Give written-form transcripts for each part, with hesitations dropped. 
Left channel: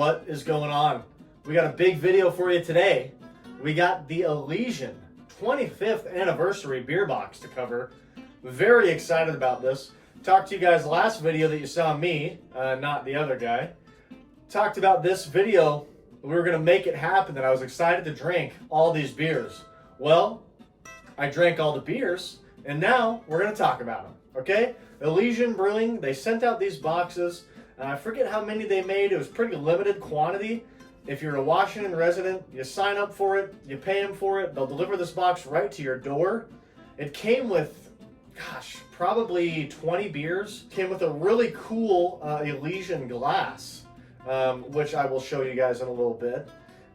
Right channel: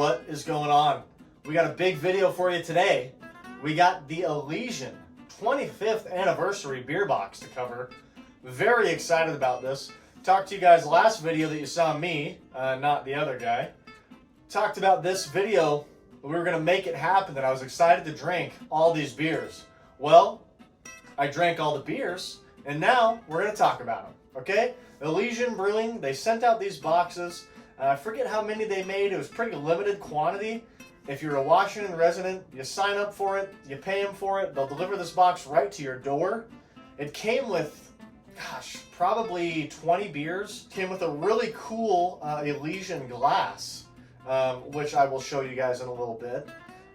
What is going on? We got a big video for you today. We got the Elysian 25th anniversary beer box to cover. Very excited about this. Talked to you guys last video that you saw me, not the other guy. Talked about this video. We were going to make it happen, that I was excited to drink all these beers. Well, I drank all the beers, and now we're going to talk about them, okay? Elysian Brewing, they sent out these boxes. I forget how many they made. It was pretty limited quantity. If you're a Washington resident, you sign up for it, you pay them for it, they'll deliver this box right to your door. It came with, gosh, probably 20 beers. Came with a really cool Elysian glass, which I will show you guys in a little bit.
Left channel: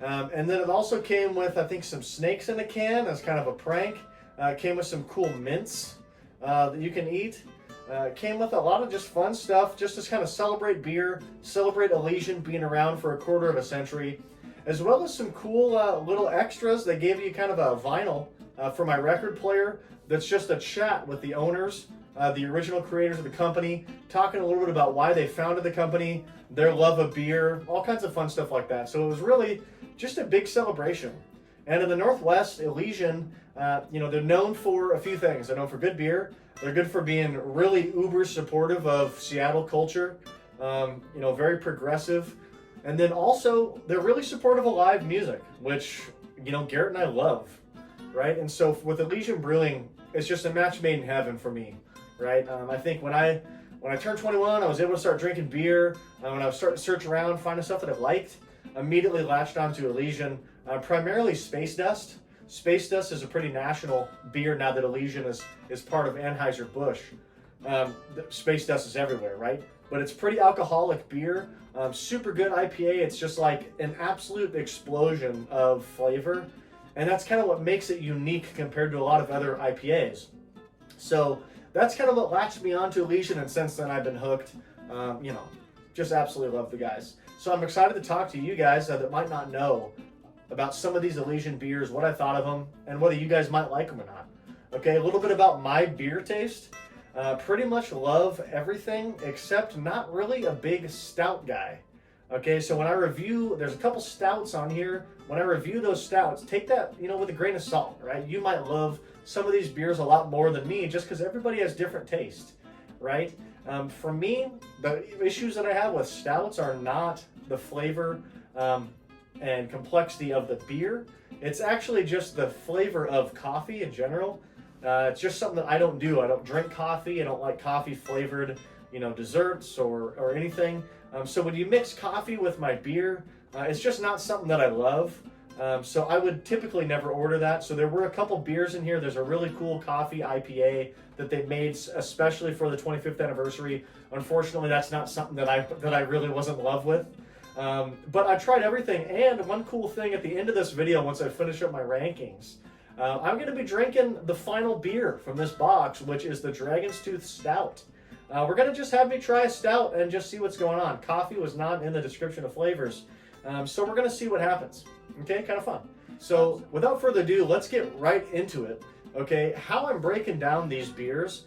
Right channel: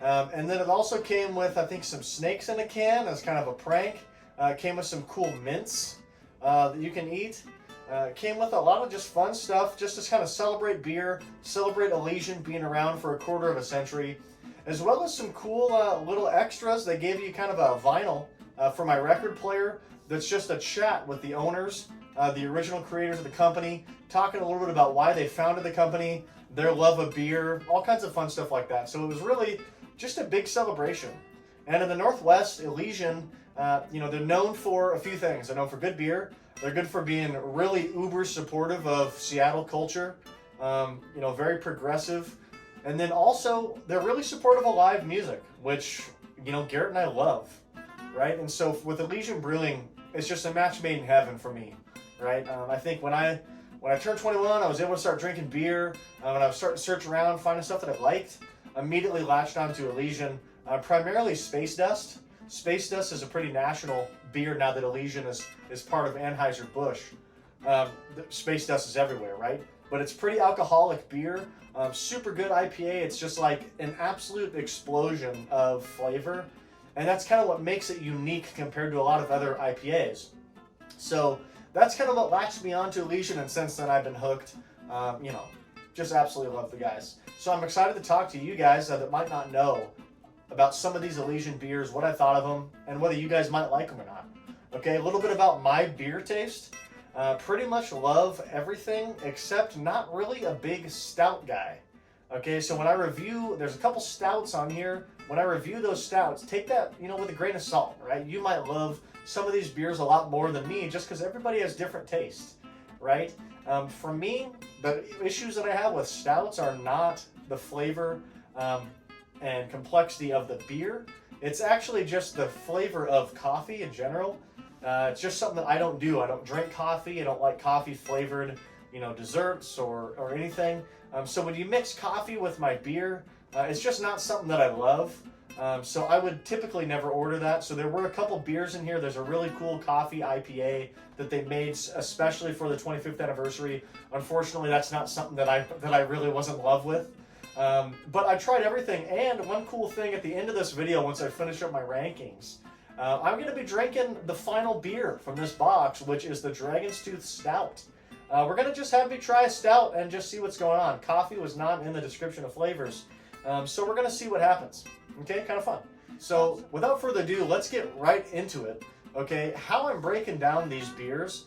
And then it also came with, I think, some snakes in a can as kind of a prank. It came with some cool mints that you can eat. Came with a lot of just fun stuff, just to kind of celebrate beer, celebrate Elysian being around for a quarter of a century, as well as some cool little extras. They gave you kind of a vinyl for my record player that's just a chat with the owners, the original creators of the company, talking a little bit about why they founded the company, their love of beer, all kinds of fun stuff like that. So it was really just a big celebration. And in the Northwest, Elysian, they're known for a few things. They're known for good beer. They're good for being really uber supportive of Seattle culture, very progressive. And then also, they're really supportive of live music, which, Garrett and I love, right? And so with Elysian Brewing, it's just a match made in heaven for me, right? I think when I turned 21, I was able to start drinking beer. When I was starting to search around, finding stuff that I liked, immediately latched onto Elysian, primarily Space Dust. Space Dust is a pretty national beer now that Elysian is part of Anheuser-Busch. Space Dust is everywhere, right? But it's pretty alcoholic beer, super good IPA. It's just like an absolute explosion of flavor. And that's kind of what makes it unique compared to a lot of other IPAs. So that's kind of what latched me onto Elysian, and since then I've been hooked. Just absolutely love the guys. So I'm excited to talk to you guys that might not know about some of these Elysian beers, what I thought of them, and whether you guys might like them or not. Okay, a little bit about my beer taste. Pretty much love everything, except not really a big stout guy. Okay, so when I review, there's a couple stouts on here. When I review those stouts, take that, with a grain of salt, right? You might love some of these beers a lot more than me, just because everybody has different taste, right? For me, the issues that I have with stouts are not the flavor, and complexity of the beer. It's actually just the flavor of coffee in general. It's just something that I don't do. I don't drink coffee. I don't like coffee flavored, desserts or anything. So when you mix coffee with my beer, it's just not something that I love. So I would typically never order that. So there were a couple beers in here. There's a really cool coffee IPA that they made especially for the 25th anniversary. Unfortunately, that's not something that I really was in love with. But I tried everything, and one cool thing at the end of this video, once I finish up my rankings, I'm going to be drinking the final beer from this box, which is the Dragon's Tooth Stout. We're going to just have me try a stout and just see what's going on. Coffee was not in the description of flavors, so we're going to see what happens. Okay, kind of fun. So without further ado, let's get right into it. Okay, how I'm breaking down these beers,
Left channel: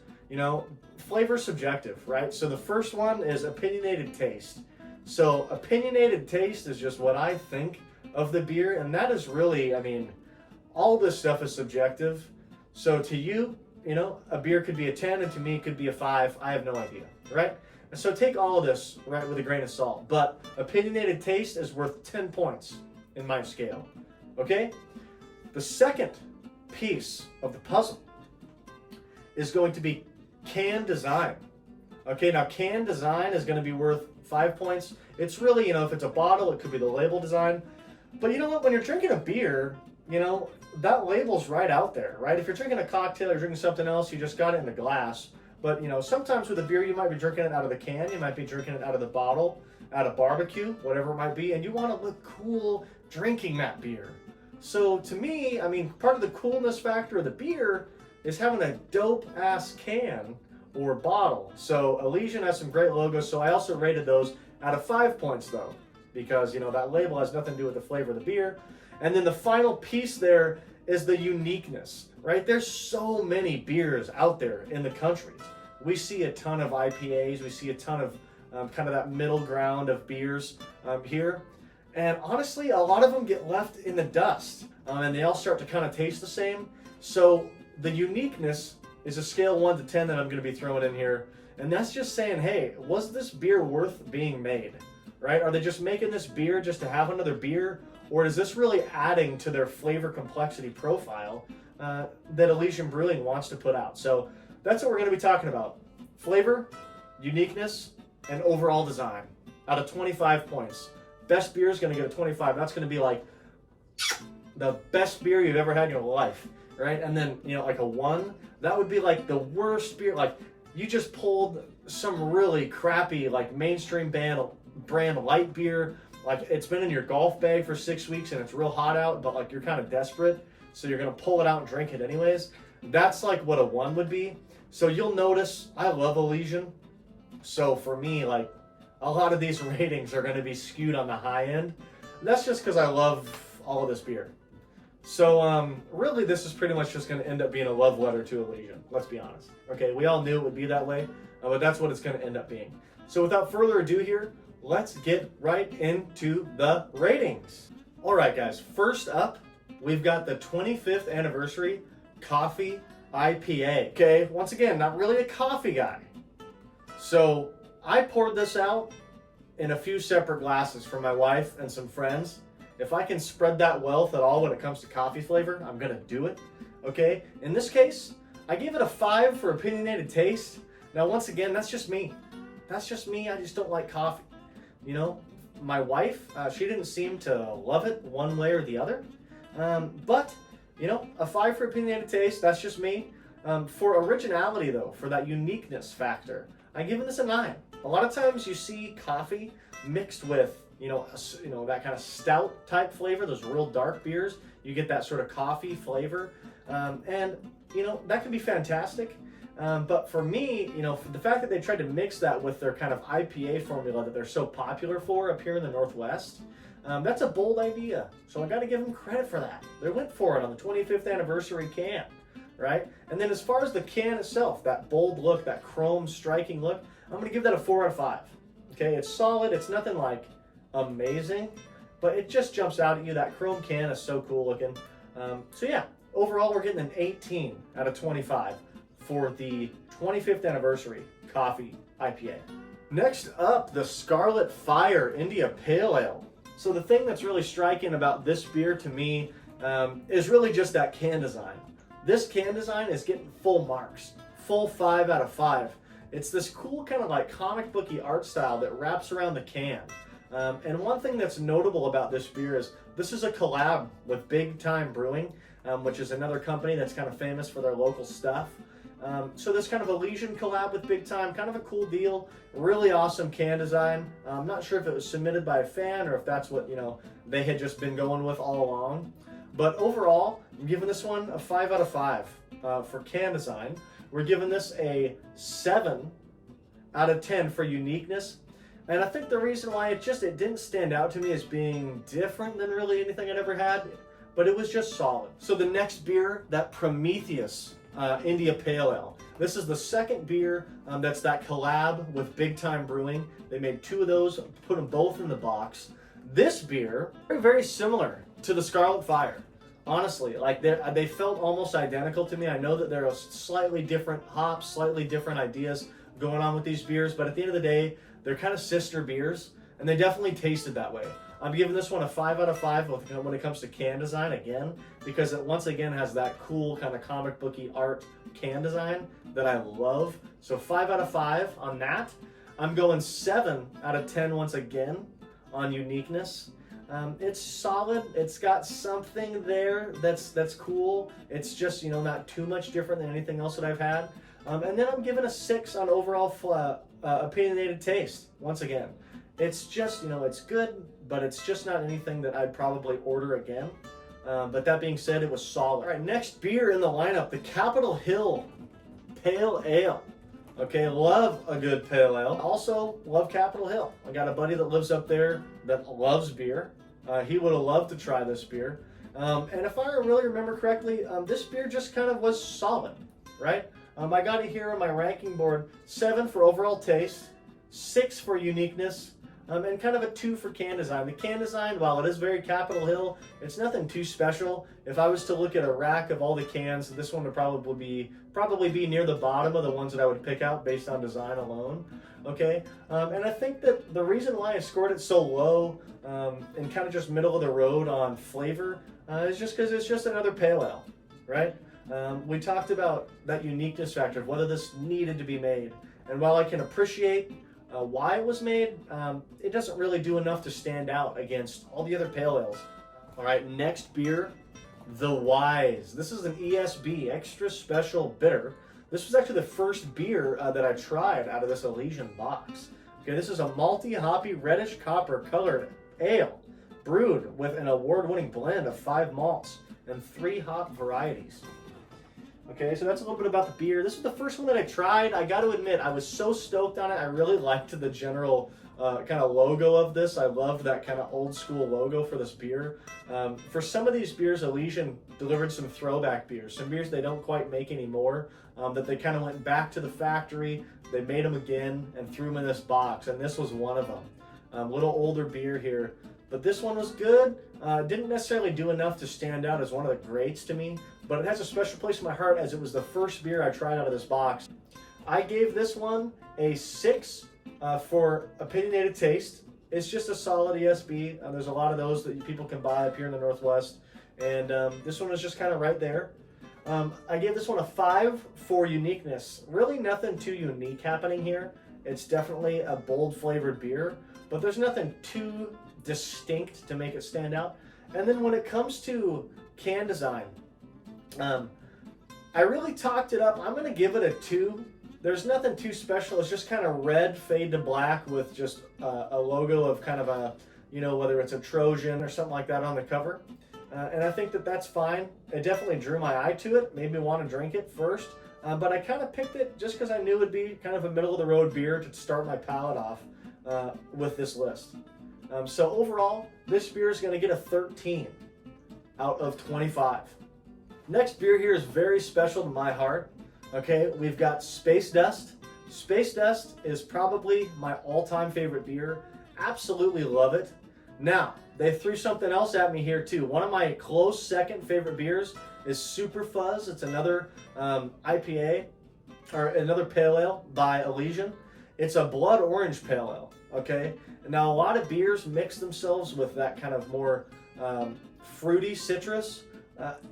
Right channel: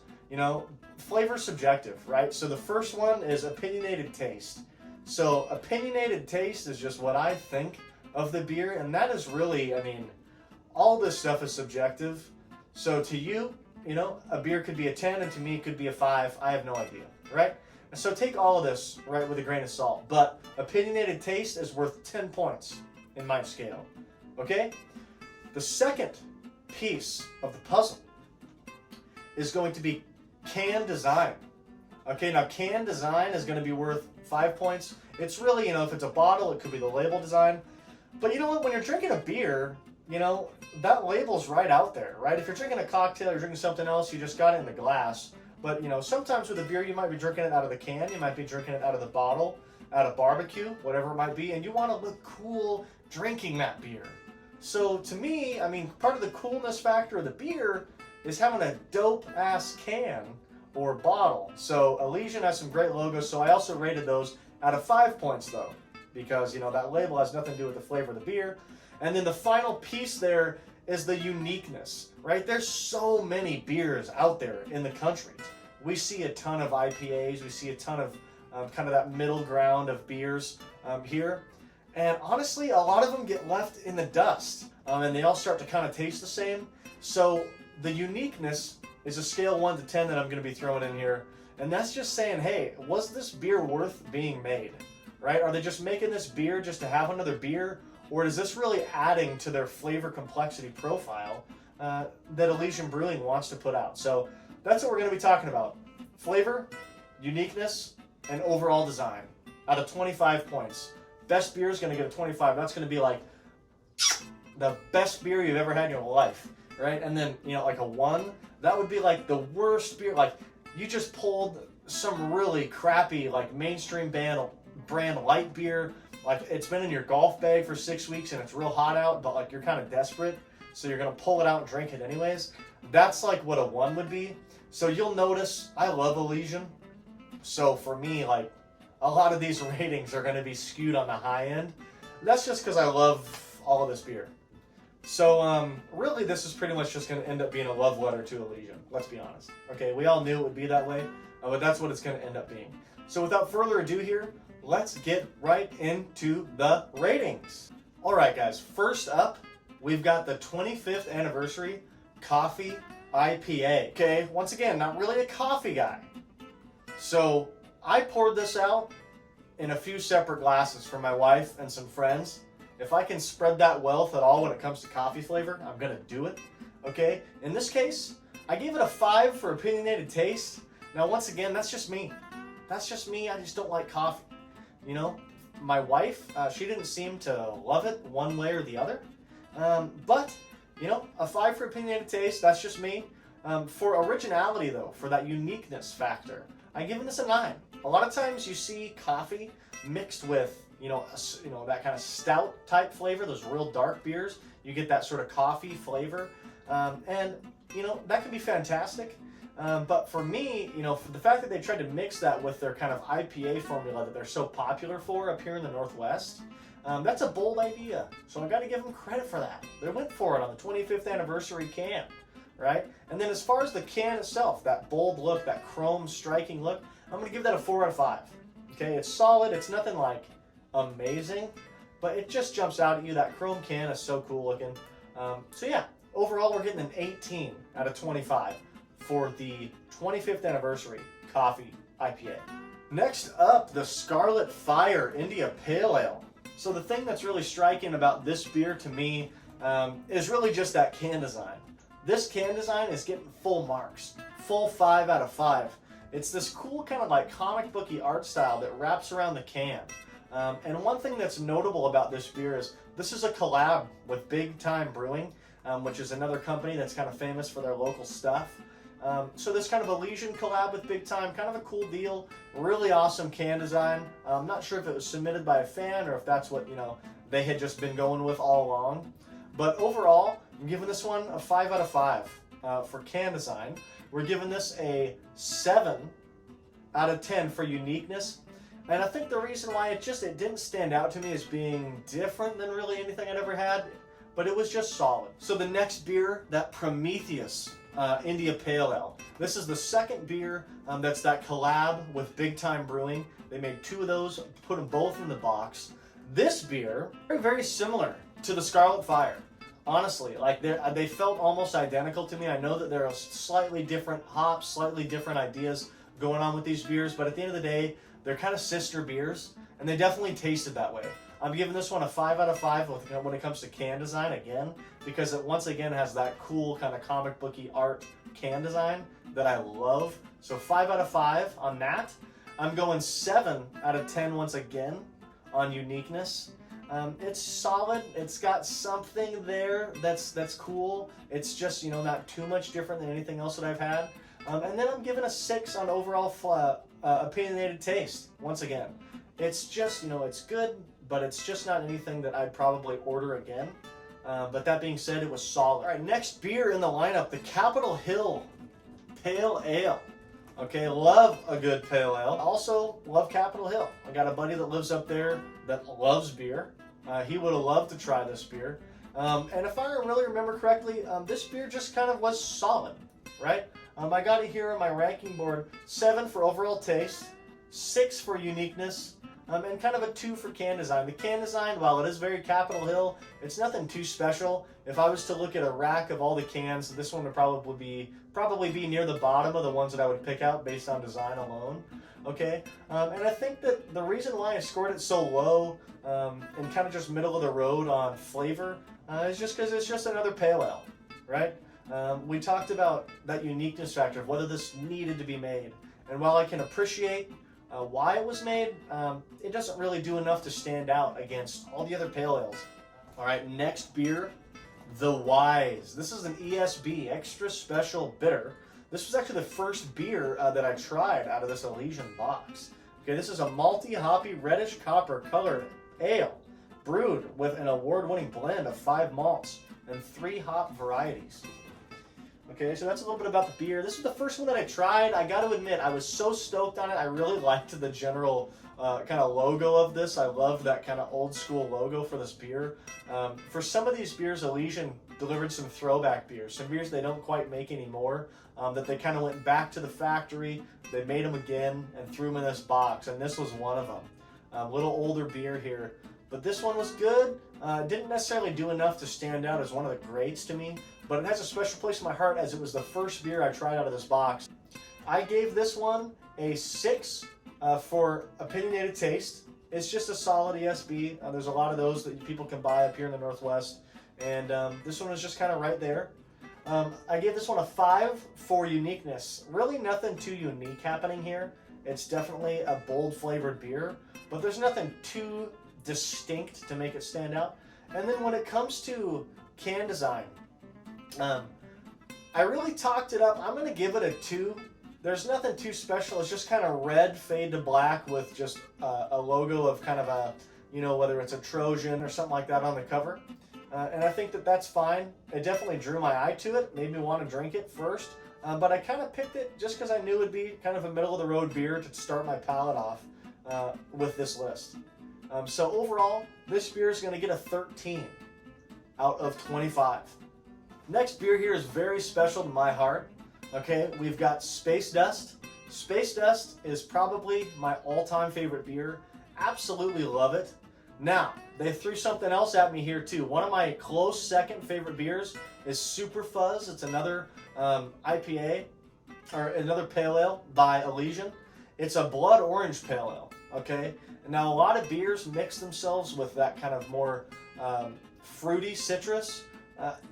flavor's subjective, right? So the first one is opinionated taste. So opinionated taste is just what I think of the beer, and that is really, all this stuff is subjective. So to you, a beer could be a 10, and to me it could be a 5. I have no idea, right? And so take all of this, right, with a grain of salt. But opinionated taste is worth 10 points in my scale, okay? The second piece of the puzzle is going to be can design. Okay, now can design is going to be worth 5 points. It's really, if it's a bottle, it could be the label design. But you know what? When you're drinking a beer, that label's right out there, right? If you're drinking a cocktail or drinking something else, you just got it in the glass. But, sometimes with a beer, you might be drinking it out of the can. You might be drinking it out of the bottle, out of barbecue, whatever it might be. And you want to look cool drinking that beer. So to me, part of the coolness factor of the beer is having a dope-ass can or bottle. So Elysian has some great logos, so I also rated those out of 5 points though, because that label has nothing to do with the flavor of the beer. And then the final piece there is the uniqueness, right? There's so many beers out there in the country. We see a ton of IPAs, we see a ton of kind of that middle ground of beers here. And honestly, a lot of them get left in the dust, and they all start to kind of taste the same. So the uniqueness is a scale 1 to 10 that I'm going to be throwing in here. And that's just saying, hey, was this beer worth being made, right? Are they just making this beer just to have another beer? Or is this really adding to their flavor complexity profile that Elysian Brewing wants to put out? So that's what we're going to be talking about. Flavor, uniqueness, and overall design out of 25 points. Best beer is going to get a 25. That's going to be like the best beer you've ever had in your life, right? And then, you know, like a 1, that would be like the worst beer. Like, you just pulled some really crappy, like, mainstream brand light beer. Like, it's been in your golf bag for 6 weeks and it's real hot out, but like you're kind of desperate, so you're gonna pull it out and drink it anyways. That's like what a 1 would be. So you'll notice I love Elysian. So for me, like, a lot of these ratings are gonna be skewed on the high end. That's just because I love all of this beer. So really, this is pretty much just going to end up being a love letter to Elysian. Let's be honest. Okay, we all knew it would be that way, but that's what it's going to end up being. So without further ado here, let's get right into the ratings. All right, guys. First up, we've got the 25th anniversary coffee IPA. Okay, once again, not really a coffee guy. So I poured this out in a few separate glasses for my wife and some friends. If I can spread that wealth at all when it comes to coffee flavor, I'm going to do it. Okay? In this case, I gave it a 5 for opinionated taste. Now, once again, that's just me. That's just me. I just don't like coffee. You know, my wife, she didn't seem to love it one way or the other. But, you know, a 5 for opinionated taste, that's just me. For originality, though, for that uniqueness factor, I'm giving this a 9. A lot of times you see coffee mixed with you know, that kind of stout type flavor, those real dark beers. You get that sort of coffee flavor. And, you know, that can be fantastic. But for me, you know, for the fact that they tried to mix that with their kind of IPA formula that they're so popular for up here in the Northwest, that's a bold idea. So I got to give them credit for that. They went for it on the 25th anniversary can, right? And then as far as the can itself, that bold look, that chrome striking look, I'm going to give that a 4 out of 5. Okay, it's solid. It's nothing like amazing, but it just jumps out at you. That chrome can is so cool looking. So yeah, overall we're getting an 18 out of 25 for the 25th anniversary coffee IPA. Next up, the Scarlet Fire India Pale Ale. So the thing that's really striking about this beer to me is really just that can design. This can design is getting full marks, full 5 out of 5. It's this cool kind of like comic booky art style that wraps around the can. And one thing that's notable about this beer is this is a collab with Big Time Brewing, which is another company that's kind of famous for their local stuff. So this kind of Elysian collab with Big Time, kind of a cool deal. Really awesome can design. I'm not sure if it was submitted by a fan or if that's what, you know, they had just been going with all along. But overall, I'm giving this one a 5 out of 5 for can design. We're giving this a 7 out of 10 for uniqueness. And I think the reason why it didn't stand out to me as being different than really anything I'd ever had, but it was just solid. So the next beer, that Prometheus India Pale Ale. This is the second beer that's that collab with Big Time Brewing. They made 2 of those, put them both in the box. This beer, very, very similar to the Scarlet Fire. Honestly, like they felt almost identical to me. I know that there are slightly different hops, slightly different ideas going on with these beers, but at the end of the day, they're kind of sister beers, and they definitely tasted that way. I'm giving this one a 5 out of 5 when it comes to can design again, because it once again has that cool kind of comic booky art can design that I love. So 5 out of 5 on that. I'm going 7 out of 10 once again on uniqueness. It's solid. It's got something there that's cool. It's just, you know, not too much different than anything else that I've had. And then I'm giving a 6 on overall opinionated taste. Once again, it's just, you know, it's good, but it's just not anything that I'd probably order again. But that being said, it was solid. All right, next beer in the lineup, the Capitol Hill Pale Ale. Okay, love a good pale ale. Also, love Capitol Hill. I got a buddy that lives up there that loves beer. He would have loved to try this beer. And if I really remember correctly, this beer just kind of was solid, right? I got it here on my ranking board, 7 for overall taste, 6 for uniqueness, and kind of a 2 for can design. The can design, while it is very Capitol Hill, it's nothing too special. If I was to look at a rack of all the cans, this one would probably be near the bottom of the ones that I would pick out based on design alone. Okay, and I think that the reason why I scored it so low and kind of just middle of the road on flavor is just because it's just another pale ale, right? We talked about that uniqueness factor of whether this needed to be made, and while I can appreciate why it was made, it doesn't really do enough to stand out against all the other pale ales. All right, next beer, the Wise. This is an ESB, Extra Special Bitter. This was actually the first beer that I tried out of this Elysian box. Okay, this is a malty, hoppy, reddish copper colored ale, brewed with an award-winning blend of 5 malts and 3 hop varieties. Okay, so that's a little bit about the beer. This was the first one that I tried. I got to admit, I was so stoked on it. I really liked the general kind of logo of this. I loved that kind of old school logo for this beer. For some of these beers, Elysian delivered some throwback beers, some beers they don't quite make anymore, that they kind of went back to the factory, they made them again, and threw them in this box, and this was one of them. Little older beer here, but this one was good. Didn't necessarily do enough to stand out as one of the greats to me, but it has a special place in my heart as it was the first beer I tried out of this box. I gave this one a 6 for opinionated taste. It's just a solid ESB. There's a lot of those that people can buy up here in the Northwest, and this one was just kind of right there. I gave this one a 5 for uniqueness. Really nothing too unique happening here. It's definitely a bold flavored beer, but there's nothing too distinct to make it stand out. And then when it comes to can design, I really talked it up. I'm going to give it a 2. There's nothing too special. It's just kind of red fade to black with just a logo of kind of a, you know, whether it's a Trojan or something like that on the cover. And I think that that's fine. It definitely drew my eye to it, made me want to drink it first. But I kind of picked it just because I knew it would be kind of a middle of the road beer to start my palate off with this list. So overall, this beer is going to get a 13 out of 25. Next beer here is very special to my heart. Okay, we've got Space Dust. Space Dust is probably my all-time favorite beer. Absolutely love it. Now, they threw something else at me here too. One of my close second favorite beers is Super Fuzz. It's another IPA, or another pale ale by Elysian. It's a blood orange pale ale, okay? Now, a lot of beers mix themselves with that kind of more fruity citrus.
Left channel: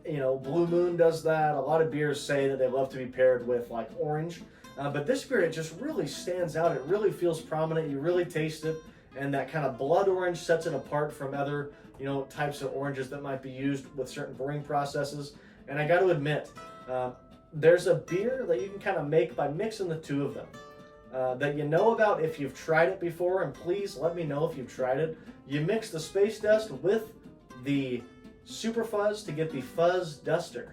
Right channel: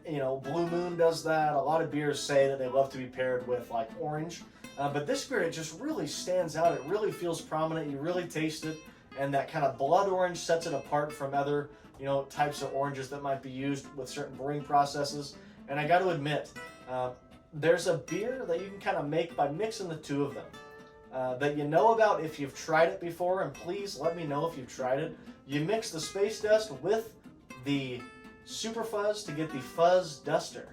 You know, Blue Moon does that. A lot of beers say that they love to be paired with like orange. But this beer, it just really stands out. It really feels prominent. You really taste it. And that kind of blood orange sets it apart from other, you know, types of oranges that might be used with certain brewing processes. And I got to admit, there's a beer that you can kind of make by mixing the two of them. That you know about if you've tried it before, and please let me know if you've tried it. You mix the Space Dust with the Super Fuzz to get the Fuzz Duster,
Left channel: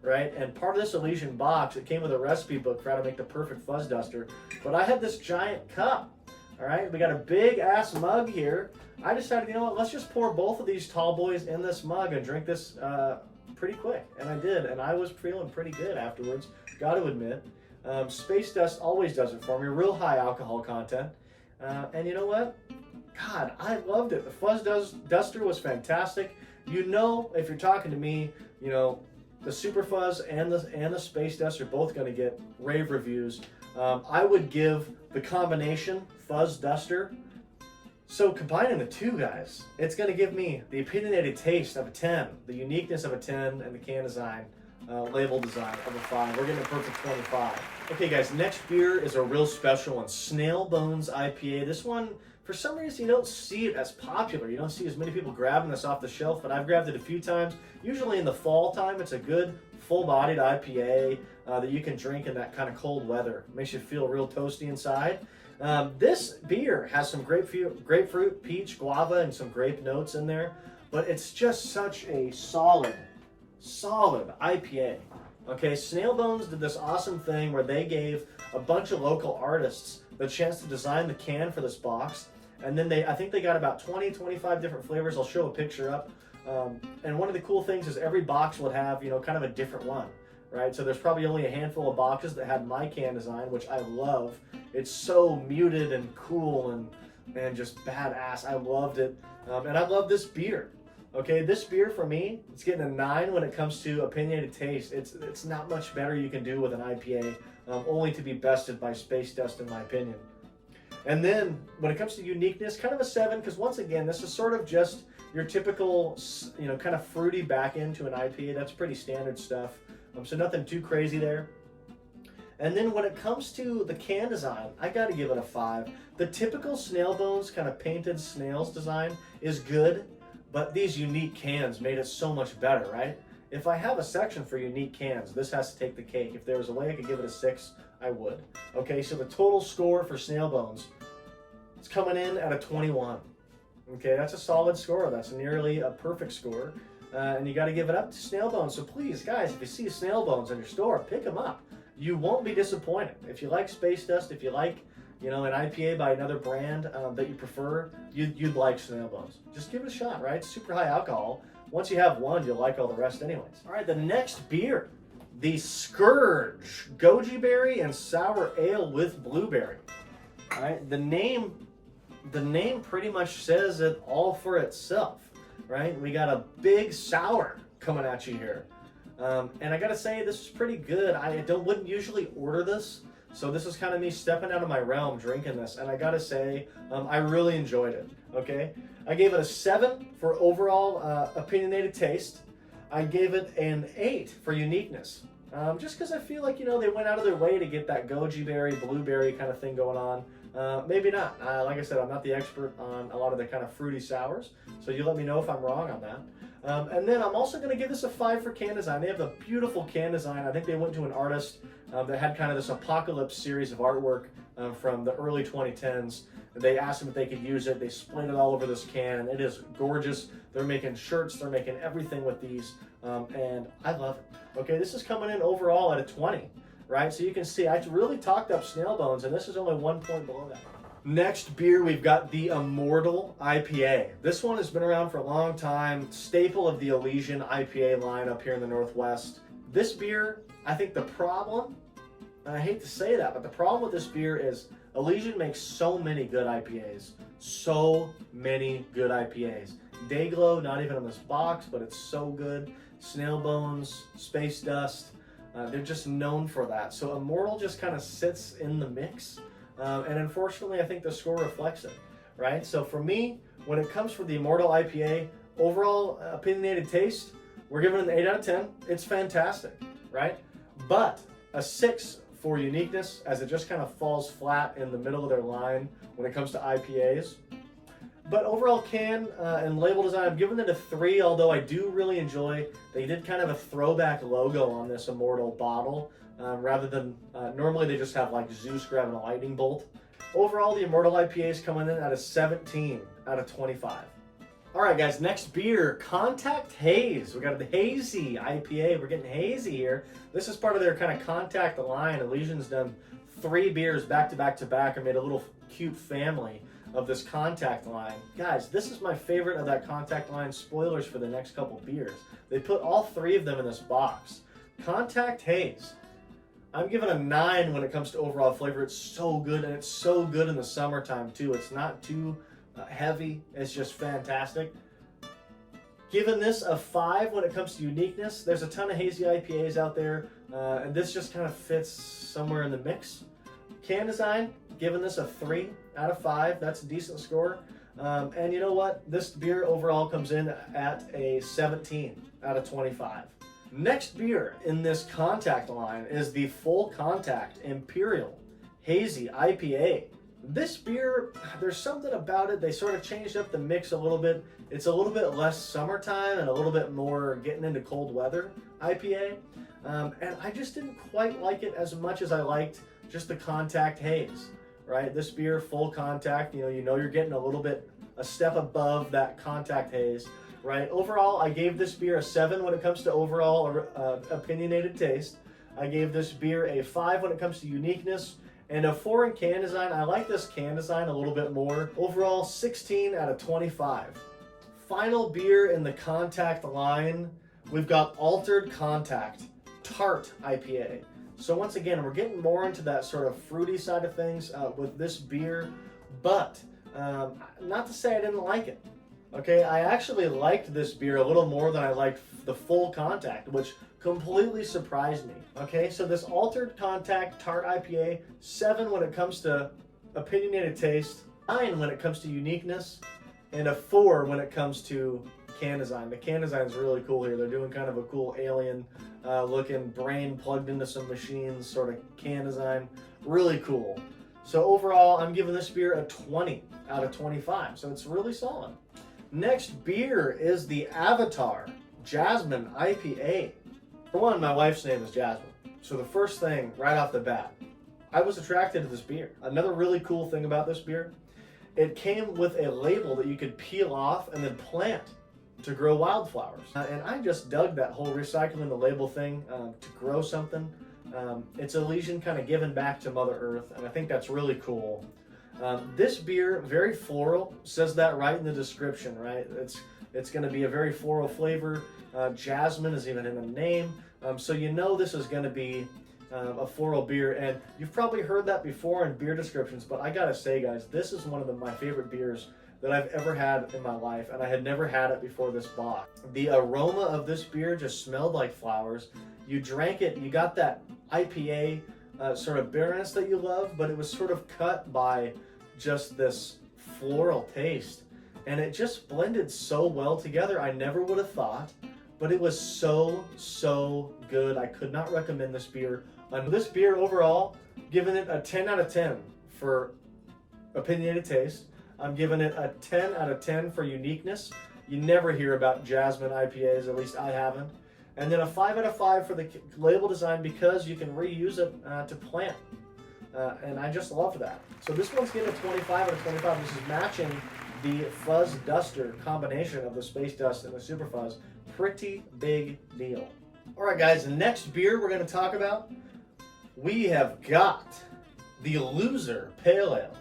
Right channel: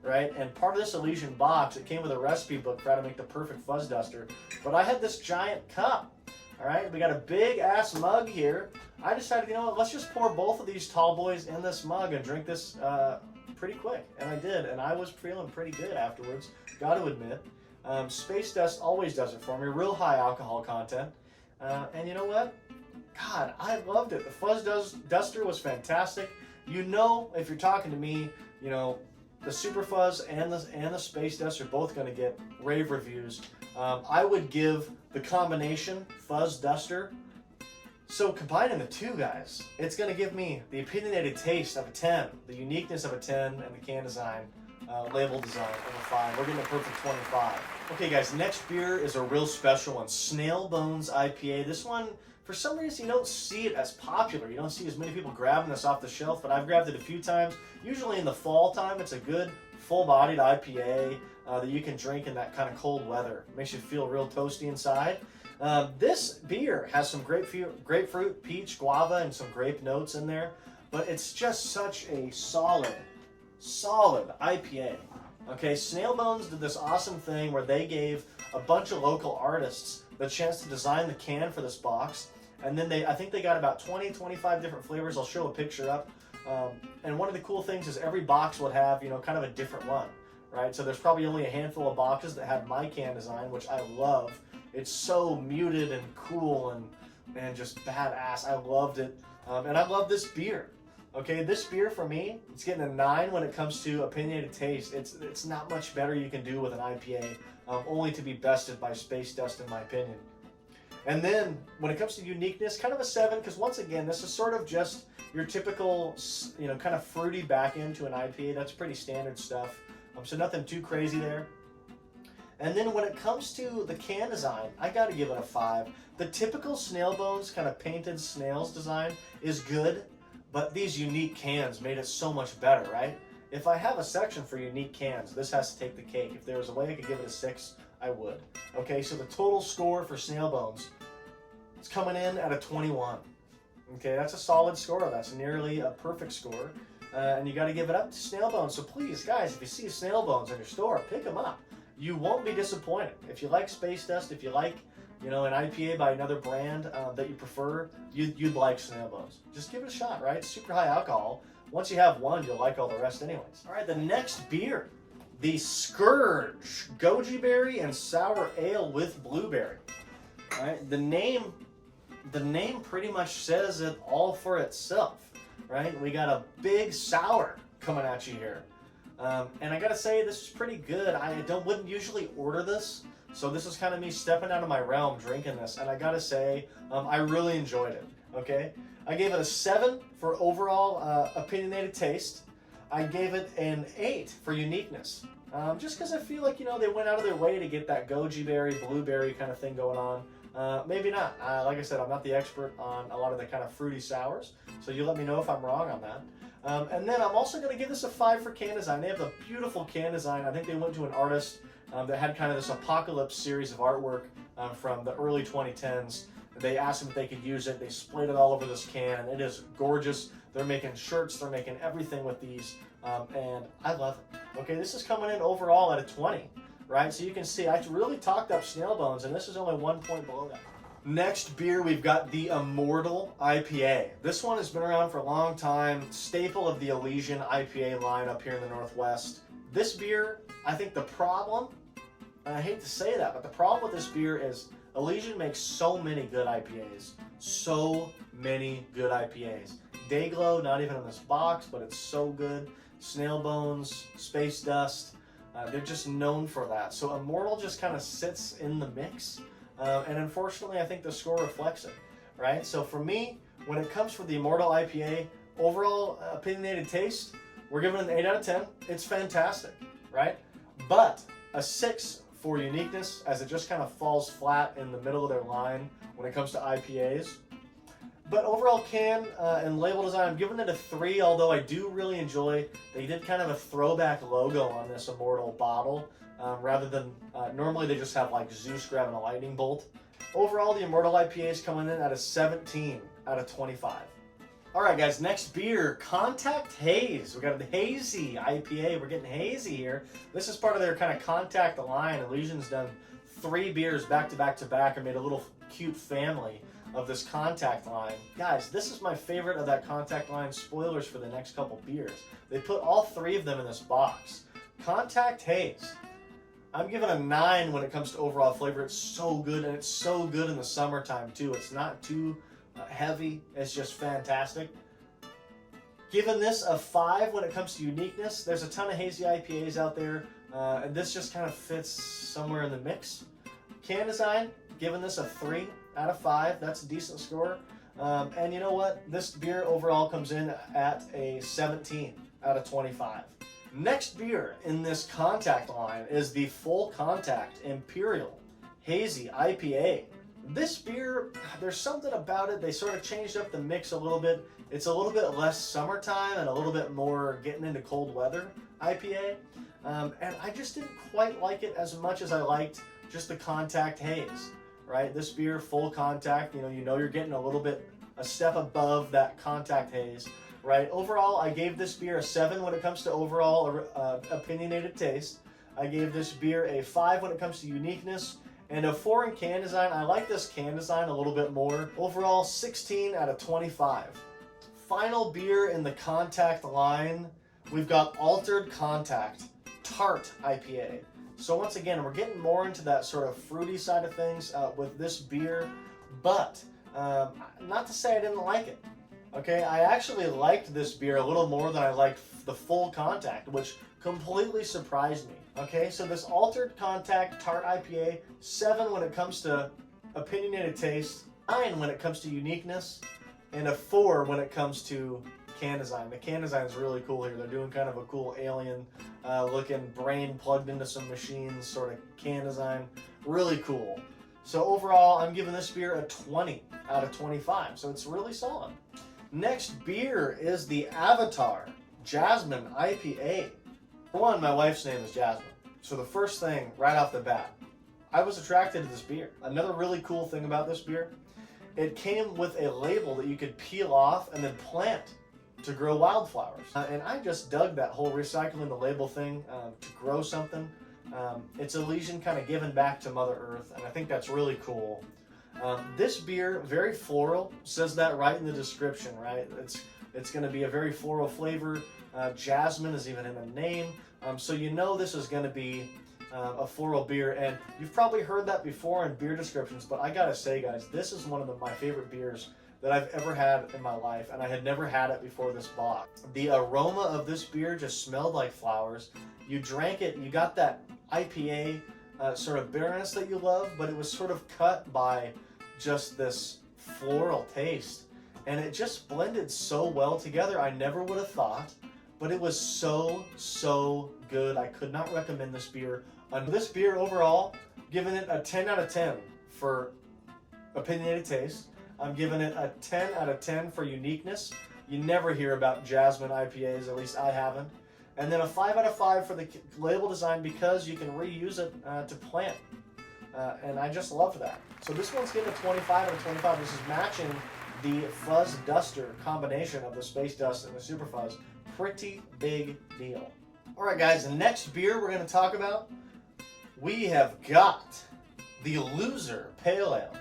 right? And part of this Elysian box, it came with a recipe book for how to make the perfect Fuzz Duster. But I had this giant cup, all right? We got a big ass mug here. I decided, you know what, let's just pour both of these tall boys in this mug and drink this pretty quick. And I did, and I was feeling pretty good afterwards, got to admit. Space Dust always does it for me, real high alcohol content. And you know what? God, I loved it. The Fuzz Duster was fantastic. You know, if you're talking to me, you know, the Super Fuzz and the Space Dust are both going to get rave reviews. I would give the combination Fuzz Duster. So combining the two guys, it's going to give me the opinionated taste of a 10, the uniqueness of a 10, and the can design, label design of a 5. We're getting a perfect 25. Okay, guys, next beer is a real special one, Snail Bones IPA. This one, for some reason, you don't see it as popular. You don't see as many people grabbing this off the shelf, but I've grabbed it a few times. Usually in the fall time, it's a good full-bodied IPA that you can drink in that kind of cold weather. It makes you feel real toasty inside. This beer has some grapefruit, peach, guava, and some grape notes in there, but it's just such a solid IPA. Okay, Snail Bones did this awesome thing where they gave a bunch of local artists the chance to design the can for this box. And then I think they got about 20, 25 different flavors. I'll show a picture up. And one of the cool things is every box would have, you know, kind of a different one. right? So there's probably only a handful of boxes that had my can design, which I love. It's so muted and cool and just badass. I loved it. And I love this beer. Okay, this beer for me, it's getting a 9 when it comes to opinionated taste. It's not much better you can do with an IPA, only to be bested by Space Dust in my opinion. And then when it comes to uniqueness, kind of a 7, because once again, this is sort of just your typical, kind of fruity back end to an IPA. That's pretty standard stuff. So nothing too crazy there. And then when it comes to the can design, I got to give it a 5. The typical Snail Bones kind of painted snails design is good, but these unique cans made it so much better, right? If I have a section for unique cans, this has to take the cake. If there was a way I could give it a 6, I would. Okay, so the total score for Snail Bones, it's coming in at a 21. Okay, that's a solid score. That's nearly a perfect score. And you got to give it up to Snail Bones. So please, guys, if you see Snail Bones in your store, pick them up. You won't be disappointed. If you like Space Dust, if you like, an IPA by another brand that you prefer, you'd like Snail Bones. Just give it a shot, right? Super high alcohol. Once you have one, you'll like all the rest anyways. All right, the next beer, the Scourge Goji Berry and Sour Ale with Blueberry. All right, the name pretty much says it all for itself, right? We got a big sour coming at you here. And I gotta say, this is pretty good. I wouldn't usually order this, so this is kind of me stepping out of my realm drinking this, and I gotta say, I really enjoyed it, okay? I gave it a 7 for overall opinionated taste. I gave it an 8 for uniqueness, just because I feel like, they went out of their way to get that goji berry, blueberry kind of thing going on. Maybe not. Like I said, I'm not the expert on a lot of the kind of fruity sours, so you let me know if I'm wrong on that. And then I'm also going to give this a 5 for can design. They have a beautiful can design. I think they went to an artist that had kind of this apocalypse series of artwork from the early 2010s. They asked them if they could use it. They splayed it all over this can, and it is gorgeous. They're making shirts. They're making everything with these, and I love it. Okay, this is coming in overall at a 20, right? So you can see I really talked up Snail Bones, and this is only 1 point below that. Next beer, we've got the Immortal IPA. This one has been around for a long time, staple of the Elysian IPA line up here in the Northwest. This beer, I think the problem, and I hate to say that, but the problem with this beer is Elysian makes so many good IPAs. So many good IPAs. Dayglow, not even in this box, but it's so good. Snail Bones, Space Dust, they're just known for that. So Immortal just kind of sits in the mix. And unfortunately, I think the score reflects it, right? So for me, when it comes for the Immortal IPA, overall opinionated taste, we're giving it an 8 out of 10. It's fantastic, right? But a 6 for uniqueness, as it just kind of falls flat in the middle of their line when it comes to IPAs. But overall can and label design, I'm giving it a 3, although I do really enjoy, they did kind of a throwback logo on this Immortal bottle. Rather than, normally they just have like Zeus grabbing a lightning bolt. Overall, the Immortal IPA is coming in at a 17 out of 25. All right, guys, next beer, Contact Haze. We got the Hazy IPA. We're getting hazy here. This is part of their kind of Contact line. Elysian's done 3 beers back to back to back and made a little cute family of this Contact line. Guys, this is my favorite of that Contact line. Spoilers for the next couple beers. They put all 3 of them in this box. Contact Haze. I'm giving a 9 when it comes to overall flavor. It's so good, and it's so good in the summertime too. It's not too heavy. It's just fantastic. Giving this a 5 when it comes to uniqueness. There's a ton of hazy IPAs out there, and this just kind of fits somewhere in the mix. Can design, giving this a 3 out of 5. That's a decent score. And you know what? This beer overall comes in at a 17 out of 25. Next beer in this Contact line is the Full Contact Imperial Hazy IPA. This beer, there's something about it. They sort of changed up the mix a little bit. It's a little bit less summertime and a little bit more getting into cold weather IPA. And I just didn't quite like it as much as I liked just the Contact Haze, right? This beer, Full Contact, you know you're getting a step above that Contact Haze. Right. Overall, I gave this beer a 7 when it comes to overall opinionated taste. I gave this beer a 5 when it comes to uniqueness, and a 4 in can design. I like this can design a little bit more. Overall, 16 out of 25. Final beer in the Contact line, we've got Altered Contact, Tart IPA. So once again, we're getting more into that sort of fruity side of things with this beer, but not to say I didn't like it. Okay, I actually liked this beer a little more than I liked the Full Contact, which completely surprised me. Okay, so this Altered Contact Tart IPA, 7 when it comes to opinionated taste, 9 when it comes to uniqueness, and a 4 when it comes to can design. The can design is really cool here. They're doing kind of a cool alien looking brain plugged into some machines sort of can design. Really cool. So overall, I'm giving this beer a 20 out of 25. So it's really solid. Next beer is the Avatar Jasmine IPA. For one, my wife's name is Jasmine. So the first thing right off the bat, I was attracted to this beer. Another really cool thing about this beer, it came with a label that you could peel off and then plant to grow wildflowers. And I just dug that whole recycling the label thing to grow something. It's Elysian kind of giving back to Mother Earth, and I think that's really cool. This beer, very floral, says that right in the description, right? It's going to be a very floral flavor. Jasmine is even in the name, so you know this is going to be a floral beer, and you've probably heard that before in beer descriptions, but I gotta say, guys, this is one of my favorite beers that I've ever had in my life, and I had never had it before this box. The aroma of this beer just smelled like flowers. You drank it, you got that IPA sort of bitterness that you love, but it was sort of cut by just this floral taste, and it just blended so well together. I never would have thought, but it was so good. I could not recommend this beer. And this beer overall, giving it a 10 out of 10 for opinionated taste. I'm giving it a 10 out of 10 for uniqueness. You never hear about Jasmine IPAs, at least I haven't. And then a 5 out of 5 for the label design because you can reuse it to plant. And I just love that. So this one's getting a 25 out of 25. This is matching the Fuzz Duster combination of the Space Dust and the Super Fuzz. Pretty big deal. All right, guys, the next beer we're going to talk about, we have got the Loser Pale Ale.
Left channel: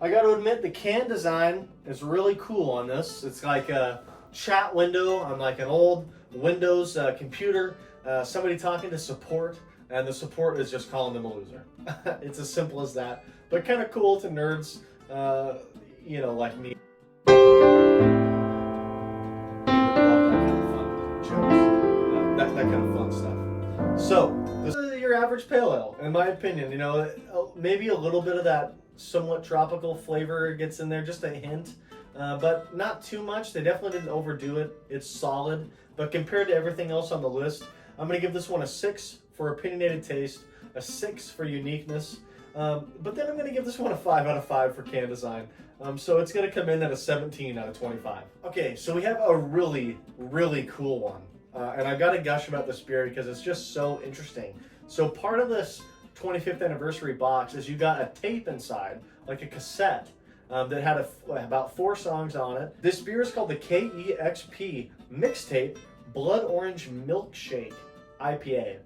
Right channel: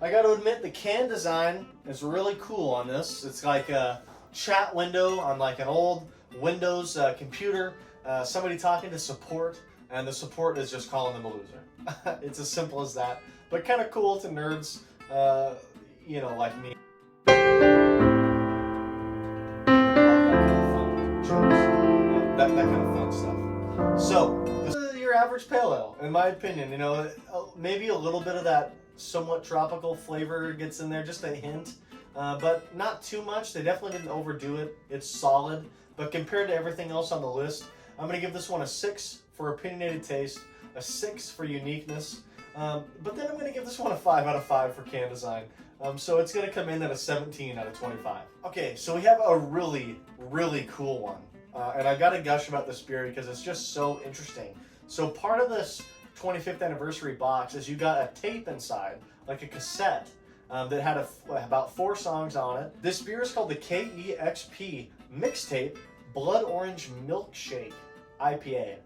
I got to admit, the can design is really cool on this. It's like a chat window on like an old Windows computer, somebody talking to support, and the support is just calling them a loser. It's as simple as that, but kind of cool to nerds, you know, like me. That kind of fun stuff. So, this is your average pale ale, in my opinion. You know, maybe a little bit of that somewhat tropical flavor gets in there, just a hint, but not too much. They definitely didn't overdo it. It's solid, but compared to everything else on the list, I'm going to give this one a 6 for opinionated taste, a 6 for uniqueness, but then I'm going to give this one a 5 out of 5 for can design. So it's going to come in at a 17 out of 25. Okay, so we have a really cool one, and I've got to gush about this beer because it's just so interesting. So part of this 25th anniversary box is you got a tape inside, like a cassette, that had about 4 songs on it. This beer is called the KeXP Mixtape Blood Orange Milkshake IPA.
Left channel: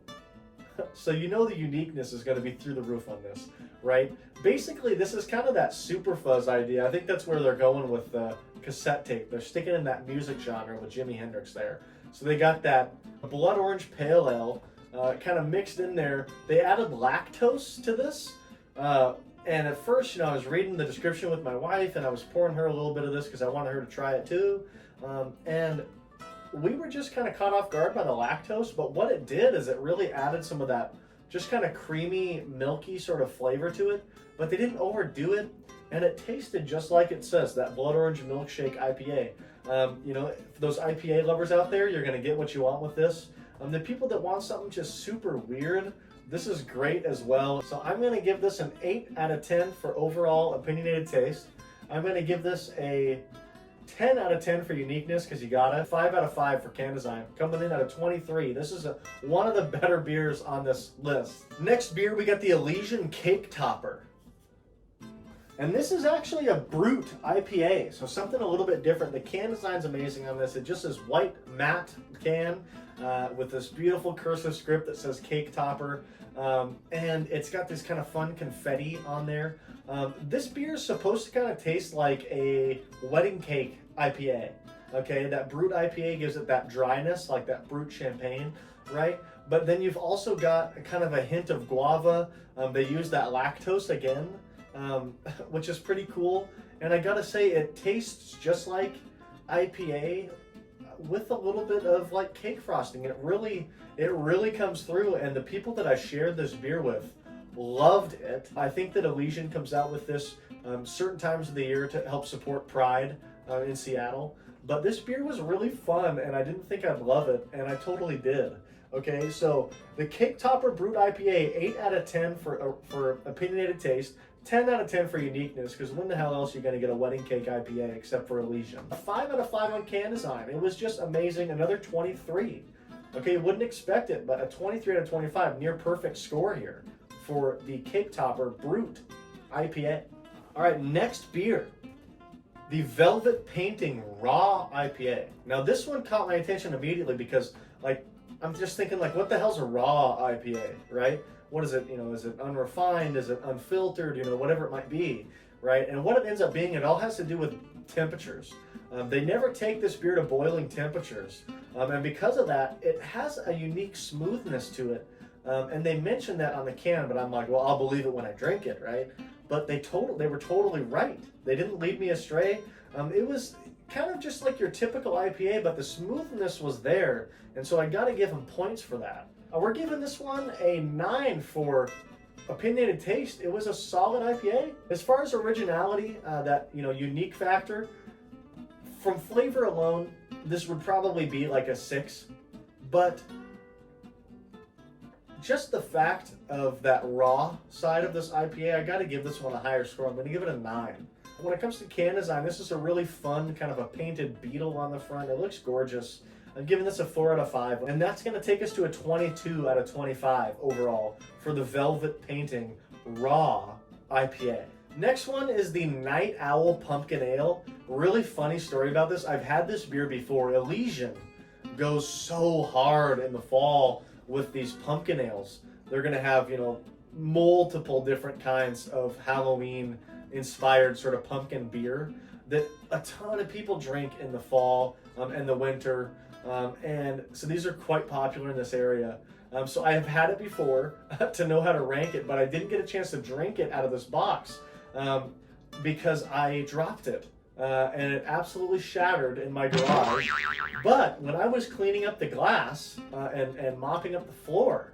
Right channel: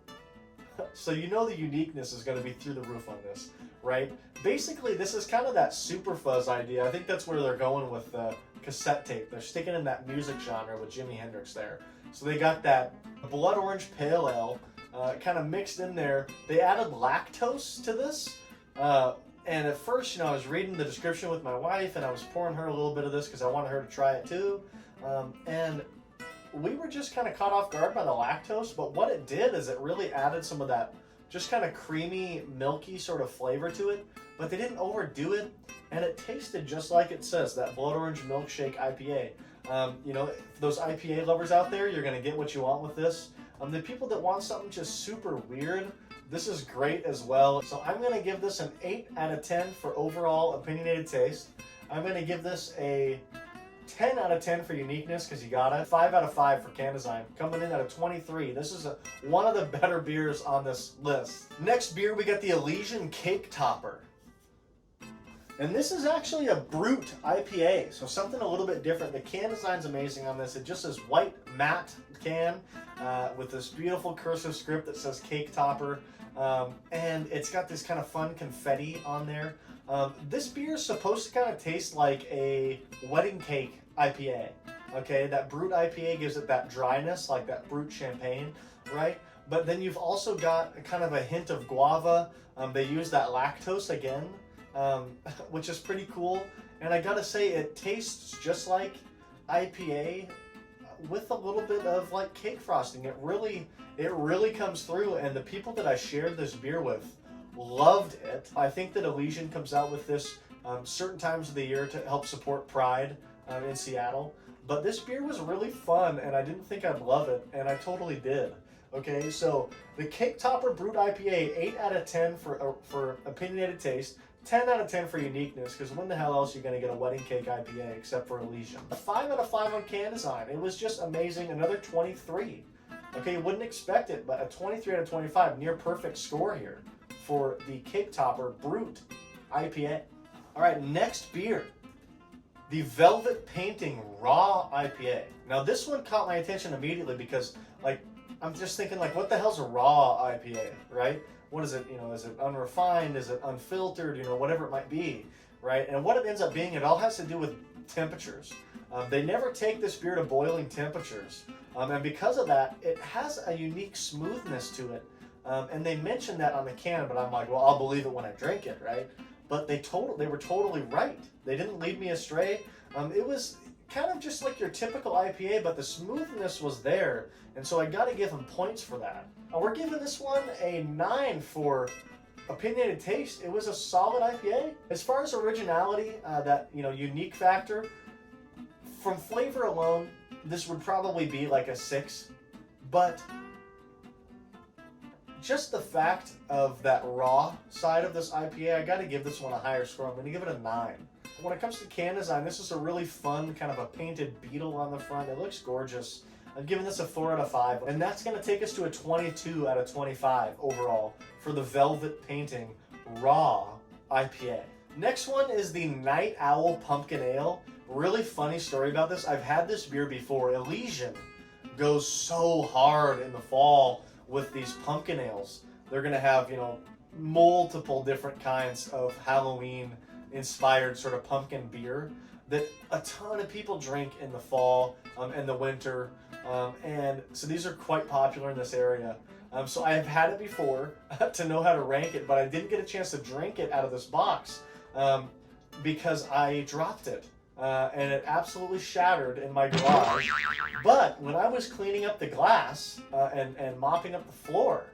So you know the uniqueness is going to be through the roof on this, right? Basically, this is kind of that Super Fuzz idea. I think that's where they're going with the cassette tape. They're sticking in that music genre with Jimi Hendrix there. So they got that Blood Orange Pale Ale kind of mixed in there. They added lactose to this. And at first, you know, I was reading the description with my wife, and I was pouring her a little bit of this because I wanted her to try it too. And we were just kind of caught off guard by the lactose, but what it did is it really added some of that just kind of creamy, milky sort of flavor to it, but they didn't overdo it, and it tasted just like it says, that Blood Orange Milkshake IPA. You know, for those IPA lovers out there, you're going to get what you want with this. The people that want something just super weird, this is great as well. So I'm going to give this an 8 out of 10 for overall opinionated taste. I'm going to give this a 10 out of 10 for uniqueness because you got it. 5 out of 5 for can design. Coming in at a 23. This is one of the better beers on this list. Next beer, we got the Elysian Cake Topper. And this is actually a brute IPA, so something a little bit different. The can design's amazing on this. It just is white matte can with this beautiful cursive script that says Cake Topper. And it's got this kind of fun confetti on there. This beer is supposed to kind of taste like a wedding cake IPA. Okay, that brute IPA gives it that dryness, like that brute champagne, right? But then you've also got kind of a hint of guava. They use that lactose again, which is pretty cool. And I gotta say, it tastes just like IPA with a little bit of like cake frosting. It really comes through, and the people that I shared this beer with loved it. I think that Elysian comes out with this certain times of the year to help support Pride in Seattle. But this beer was really fun, and I didn't think I'd love it, and I totally did. Okay, so the Cake Topper Brut IPA, 8 out of 10 for opinionated taste, 10 out of 10 for uniqueness, because when the hell else are you going to get a wedding cake IPA except for Elysian? A 5 out of 5 on can design. It was just amazing. Another 23. Okay, you wouldn't expect it, but a 23 out of 25, near perfect score here for the Cake Topper Brut IPA. All right, next beer, the Velvet Painting Raw IPA. Now this one caught my attention immediately because, like, I'm just thinking, like, what the hell's a raw IPA, right? What is it, is it unrefined? Is it unfiltered? Whatever it might be, right? And what it ends up being, it all has to do with temperatures. They never take this beer to boiling temperatures. And because of that, it has a unique smoothness to it. And they mentioned that on the can, but I'm like, well, I'll believe it when I drink it, right? But they were totally right. They didn't lead me astray. It was kind of just like your typical IPA, but the smoothness was there. And so I got to give them points for that. We're giving this one a 9 for opinionated taste. It was a solid IPA. As far as originality, that unique factor, from flavor alone, this would probably be like a 6. But just the fact of that raw side of this IPA, I got to give this one a higher score. I'm going to give it a 9. When it comes to can design, this is a really fun kind of a painted beetle on the front. It looks gorgeous. I'm giving this a 4 out of 5, and that's going to take us to a 22 out of 25 overall for the Velvet Painting Raw IPA. Next one is the Night Owl Pumpkin Ale. Really funny story about this. I've had this beer before. Elysian goes so hard in the fall with these pumpkin ales. They're going to have, multiple different kinds of Halloween inspired sort of pumpkin beer that a ton of people drink in the fall and the winter. And so these are quite popular in this area. So I have had it before to know how to rank it, but I didn't get a chance to drink it out of this box because I dropped it. And it absolutely shattered in my garage. But when I was cleaning up the glass and mopping up the floor,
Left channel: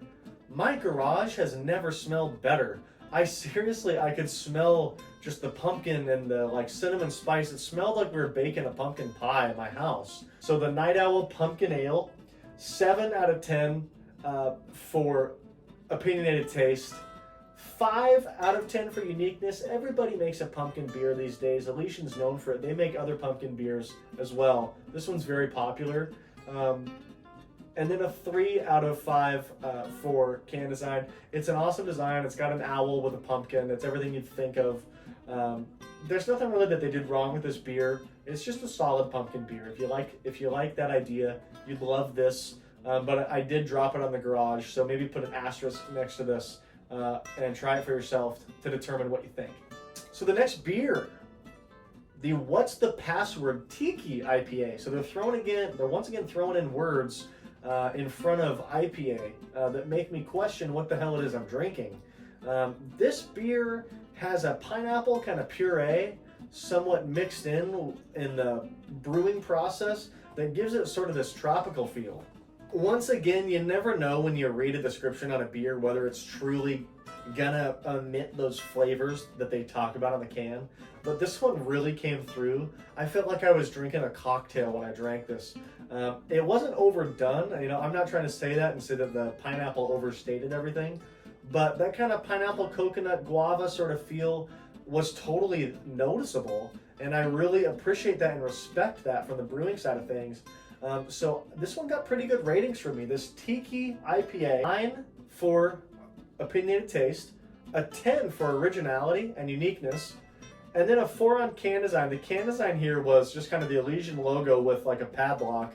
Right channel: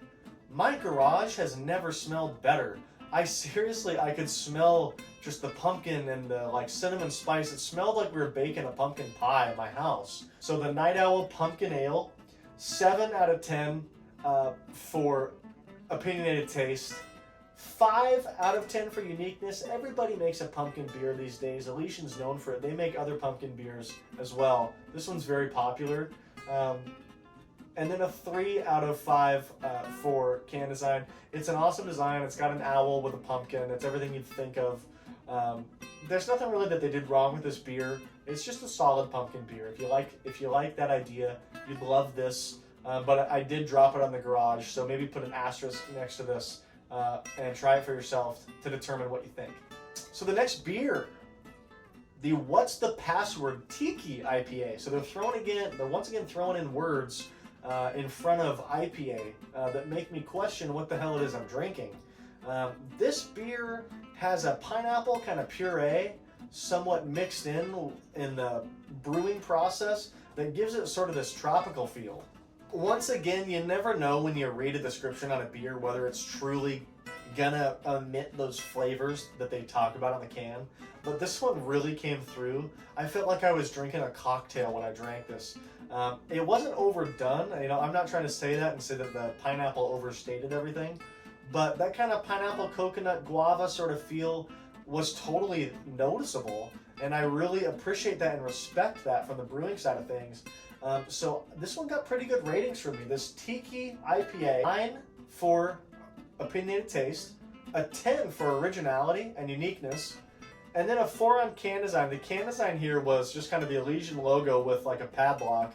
my garage has never smelled better. I could smell just the pumpkin and the cinnamon spice. It smelled like we were baking a pumpkin pie in my house. So the Night Owl Pumpkin Ale, 7 out of 10 for opinionated taste. 5 out of 10 for uniqueness. Everybody makes a pumpkin beer these days. Elysian's known for it. They make other pumpkin beers as well. This one's very popular. And then a 3 out of 5 for can design. It's an awesome design. It's got an owl with a pumpkin. It's everything you'd think of. There's nothing really that they did wrong with this beer. It's just a solid pumpkin beer. If you like that idea, you'd love this. But I did drop it on the garage, so maybe put an asterisk next to this and try it for yourself to determine what you think. So the next beer, the What's the Password Tiki IPA. So they're once again throwing in words in front of IPA that make me question what the hell it is I'm drinking. This beer has a pineapple kind of puree somewhat mixed in the brewing process that gives it sort of this tropical feel. Once again, you never know when you read a description on a beer whether it's truly gonna omit those flavors that they talk about on the can, but this one really came through. I felt like I was drinking a cocktail when I drank this. It wasn't overdone. I'm not trying to say that and say that the pineapple overstated everything, but that kind of pineapple, coconut, guava sort of feel was totally noticeable, and I really appreciate that and respect that from the brewing side of things. So this one got pretty good ratings for me. This Tiki IPA, 9 for opinionated taste, a 10 for originality and uniqueness, and then a 4 on can design. The can design here was just kind of the Elysian logo with like a padlock.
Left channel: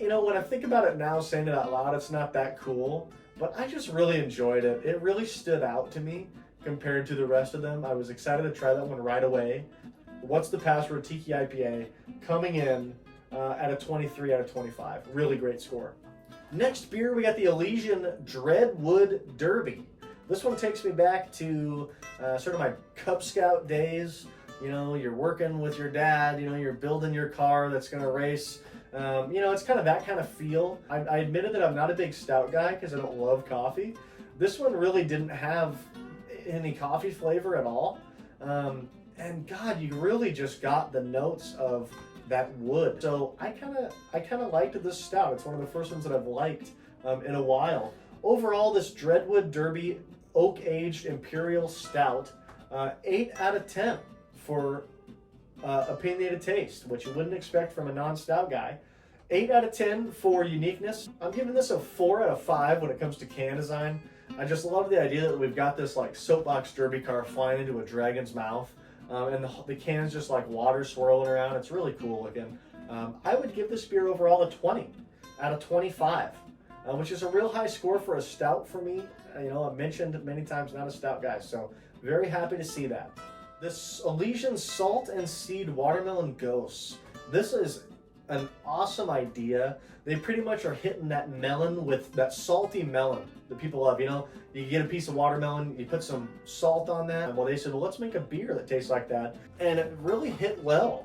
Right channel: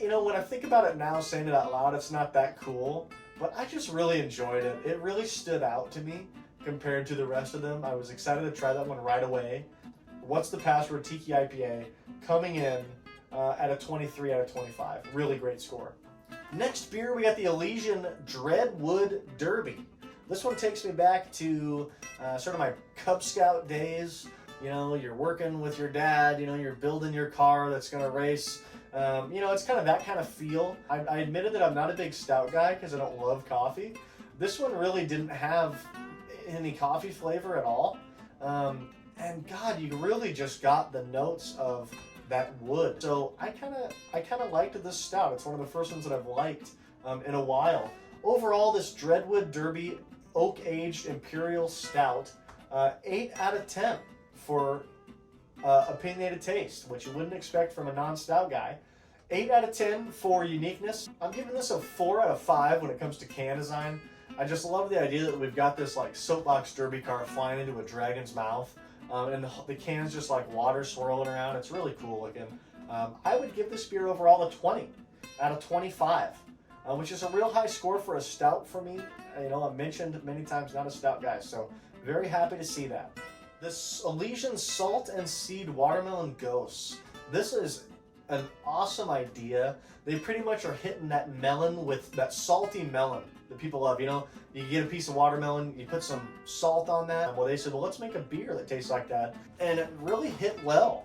When I think about it now, saying it out loud, it's not that cool, but I just really enjoyed it. It really stood out to me compared to the rest of them. I was excited to try that one right away. What's the Password Tiki IPA coming in at a 23 out of 25. Really great score. Next beer, we got the Elysian Dreadwood Derby. This one takes me back to sort of my Cub Scout days. You know, you're working with your dad, you know, you're building your car that's going to race. You know, it's kind of that kind of feel. I admitted that I'm not a big stout guy because I don't love coffee. This one really didn't have any coffee flavor at all. And God, you really just got the notes of that wood. So I kind of liked this stout. It's one of the first ones that I've liked in a while. Overall, this Dreadwood Derby oak-aged Imperial Stout, 8 out of 10 for opinionated taste, which you wouldn't expect from a non-stout guy. 8 out of 10 for uniqueness. I'm giving this a 4 out of 5 when it comes to can design. I just love the idea that we've got this like soapbox derby car flying into a dragon's mouth, and the can's just like water swirling around. It's really cool looking. I would give this beer overall a 20 out of 25, which is a real high score for a stout for me. You know, I've mentioned many times, not a stout guy, so very happy to see that. This Elysian Salt and Seed Watermelon Ghost. This is an awesome idea. They pretty much are hitting that melon with that salty melon that people love. You know, you get a piece of watermelon, you put some salt on that. Well, they said, well, let's make a beer that tastes like that. And it really hit well.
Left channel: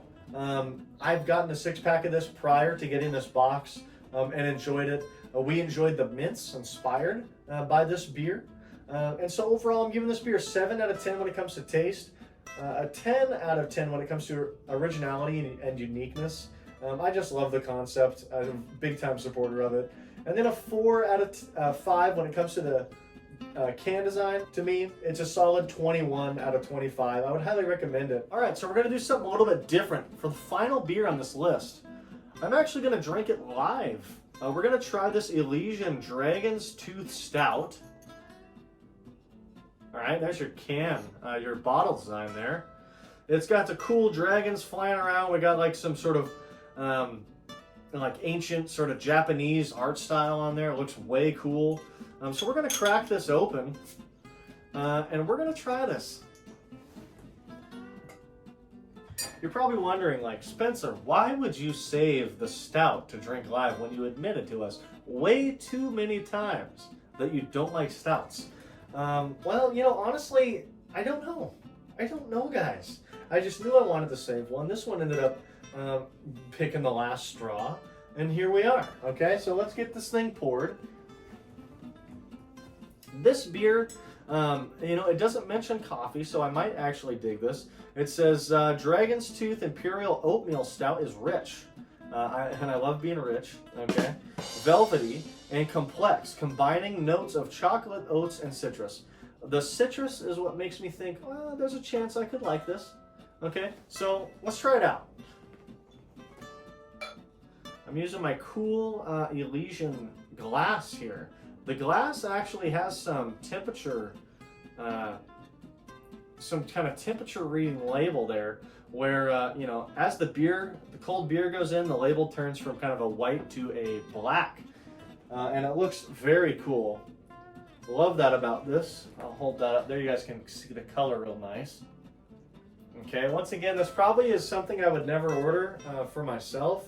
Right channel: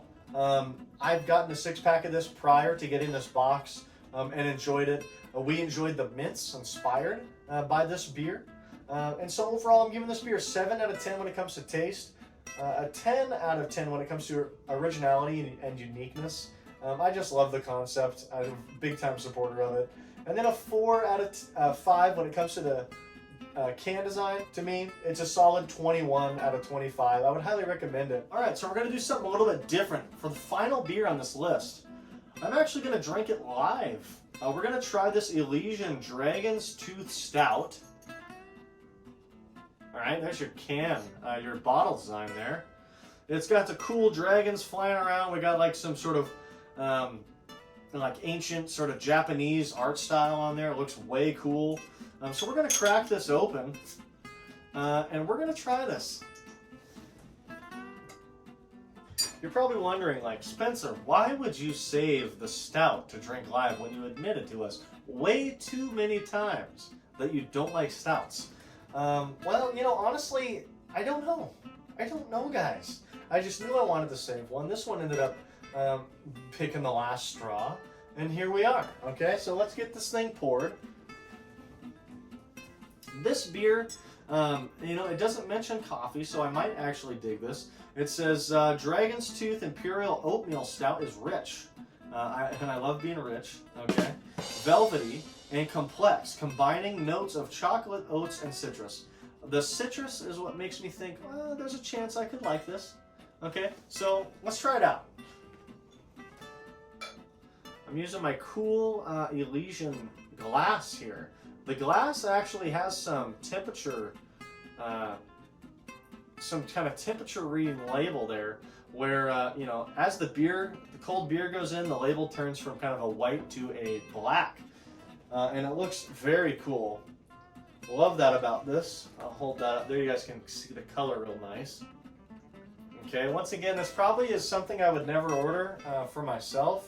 I've gotten a 6-pack of this prior to getting this box and enjoyed it. We enjoyed the mints inspired by this beer. And so overall, I'm giving this beer 7 out of 10 when it comes to taste. A 10 out of 10 when it comes to originality and uniqueness. I just love the concept. I'm a big time supporter of it. And then a 4 out of 5 when it comes to the can design. To me, it's a solid 21 out of 25. I would highly recommend it. All right, so we're gonna do something a little bit different. For the final beer on this list, I'm actually gonna drink it live. We're gonna try this Elysian Dragon's Tooth Stout. All right, there's your can, your bottle design there. It's got the cool dragons flying around. We got like some sort of like ancient sort of Japanese art style on there. It looks way cool. So we're gonna crack this open and we're gonna try this. You're probably wondering, like, Spencer, why would you save the stout to drink live when you admitted to us way too many times that you don't like stouts? Well, you know, honestly, I don't know. I don't know, guys. I just knew I wanted to save one. This one ended up picking the last straw, and here we are. Okay, so let's get this thing poured. This beer, you know, it doesn't mention coffee, so I might actually dig this. It says Dragon's Tooth Imperial Oatmeal Stout is rich, and I love being rich. Okay, velvety and complex, combining notes of chocolate, oats, and citrus. The citrus is what makes me think, there's a chance I could like this. Okay, so let's try it out. I'm using my cool Elysian glass here. The glass actually has some temperature, some kind of temperature reading label there, where you know, as the cold beer goes in, the label turns from kind of a white to a black, and it looks very cool. Love that about this. I'll hold that up there. You guys can see the color real nice. Okay, once again, this probably is something I would never order for myself,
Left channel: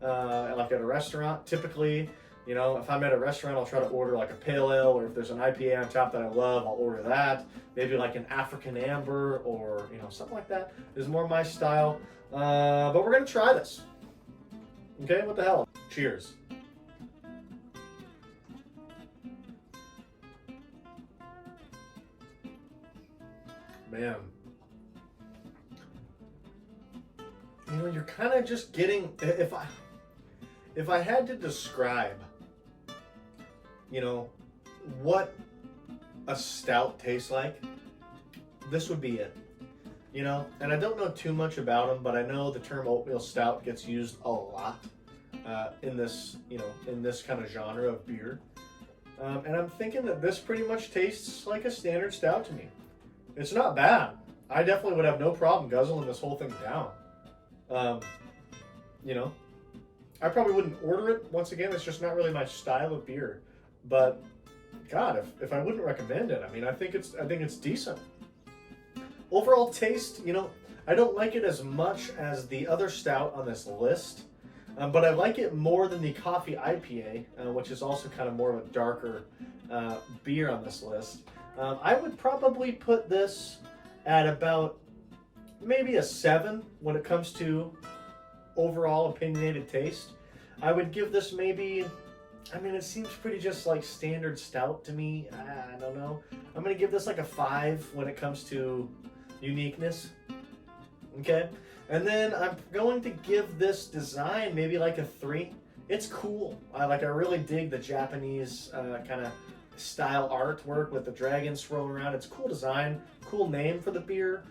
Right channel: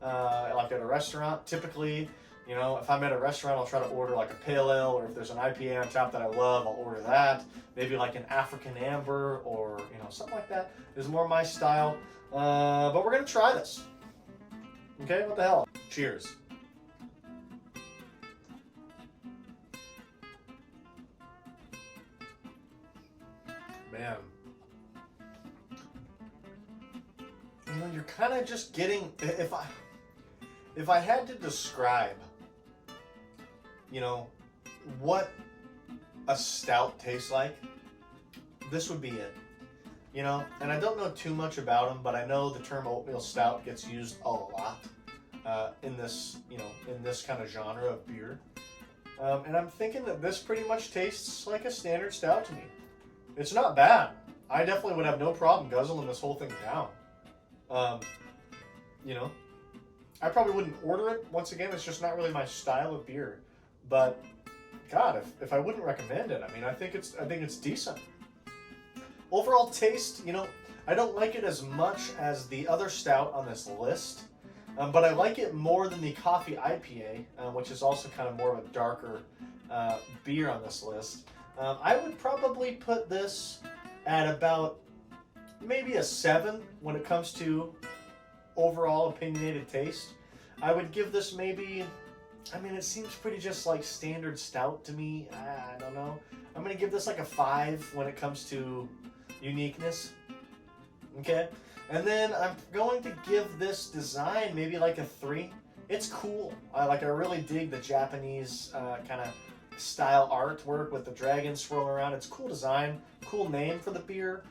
like at a restaurant. Typically, you know, if I'm at a restaurant, I'll try to order like a pale ale, or if there's an IPA on top that I love, I'll order that. Maybe like an African amber, or, you know, something like that is more my style. But we're gonna try this. Okay, what the hell? Cheers. Man. You know, you're kind of just getting, if I had to describe, you know, what a stout tastes like, this would be it. You know, and I don't know too much about them, but I know the term oatmeal stout gets used a lot in this, you know, in this kind of genre of beer. And I'm thinking that this pretty much tastes like a standard stout to me. It's not bad. I definitely would have no problem guzzling this whole thing down. You know, I probably wouldn't order it. Once again, it's just not really my style of beer. But God, if I wouldn't recommend it, I mean, I think it's decent. Overall taste, you know, I don't like it as much as the other stout on this list. but I like it more than the Coffee IPA, which is also kind of more of a darker beer on this list. I would probably put this at about maybe a 7 when it comes to overall opinionated taste. I would give this maybe, I mean, it seems pretty just like standard stout to me. I don't know. I'm going to give this like a 5 when it comes to uniqueness. Okay. And then I'm going to give this design maybe like a 3. It's cool. I really dig the Japanese kind of style artwork with the dragons swirling around. It's cool design, cool name for the beer.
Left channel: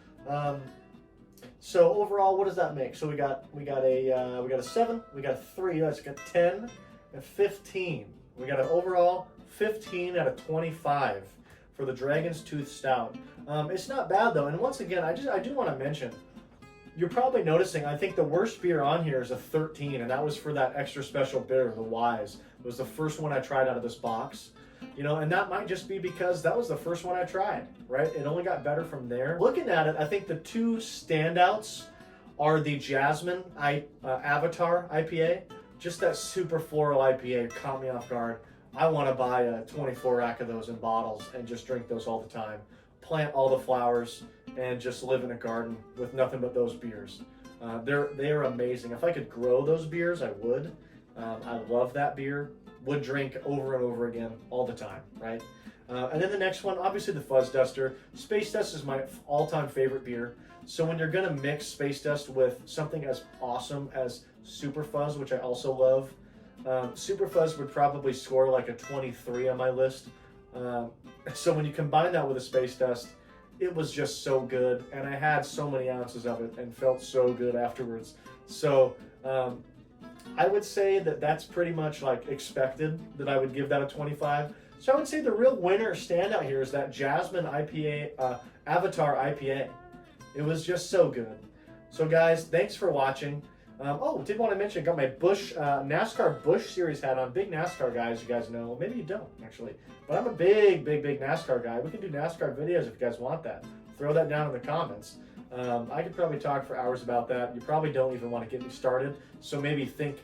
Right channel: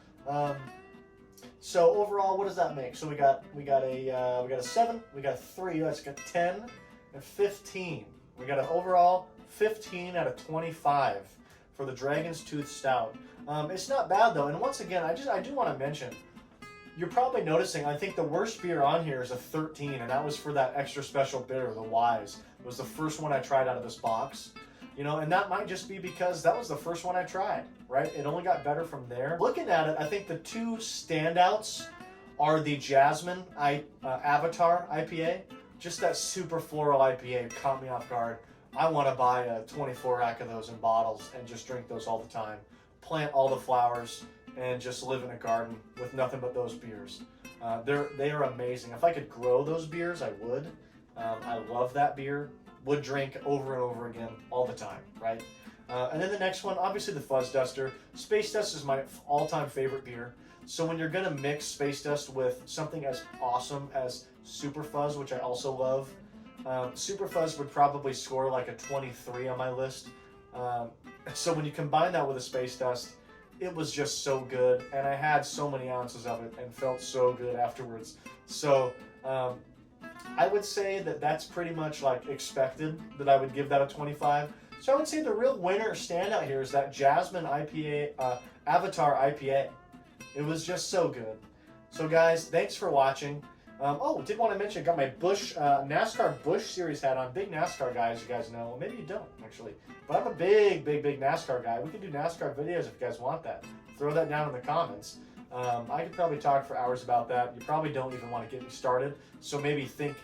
So overall, what does that make? So we got a 7, we got a 3, that's got 10 and 15. We got an overall 15 out of 25 for the Dragon's Tooth Stout. It's not bad though, and once again, I do want to mention, you're probably noticing, I think the worst beer on here is a 13, and that was for that extra special bitter, the Wise. It was the first one I tried out of this box. You know, and that might just be because that was the first one I tried, right? It only got better from there. Looking at it, I think the two standouts are the Jasmine Avatar IPA. Just that super floral IPA caught me off guard. I want to buy a 24 rack of those in bottles and just drink those all the time. Plant all the flowers and just live in a garden with nothing but those beers. They are amazing. If I could grow those beers, I would. I love that beer. Would drink over and over again all the time, right? And then the next one, obviously the Fuzz Duster. Space Dust is my all-time favorite beer. So when you're gonna mix Space Dust with something as awesome as Super Fuzz, which I also love, Super Fuzz would probably score like a 23 on my list. So when you combine that with a Space Dust, it was just so good, and I had so many ounces of it and felt so good afterwards. So I would say that that's pretty much like expected that I would give that a 25. So I would say the real winner standout here is that Jasmine IPA, Avatar IPA. It was just so good. So guys, thanks for watching. Did want to mention, I got my Busch, NASCAR Busch Series hat on. Big NASCAR guy, as you guys know. Well, maybe you don't, actually. But I'm a big NASCAR guy. We can do NASCAR videos if you guys want that. Throw that down in the comments. I could probably talk for hours about that. You probably don't even want to get me started, so maybe think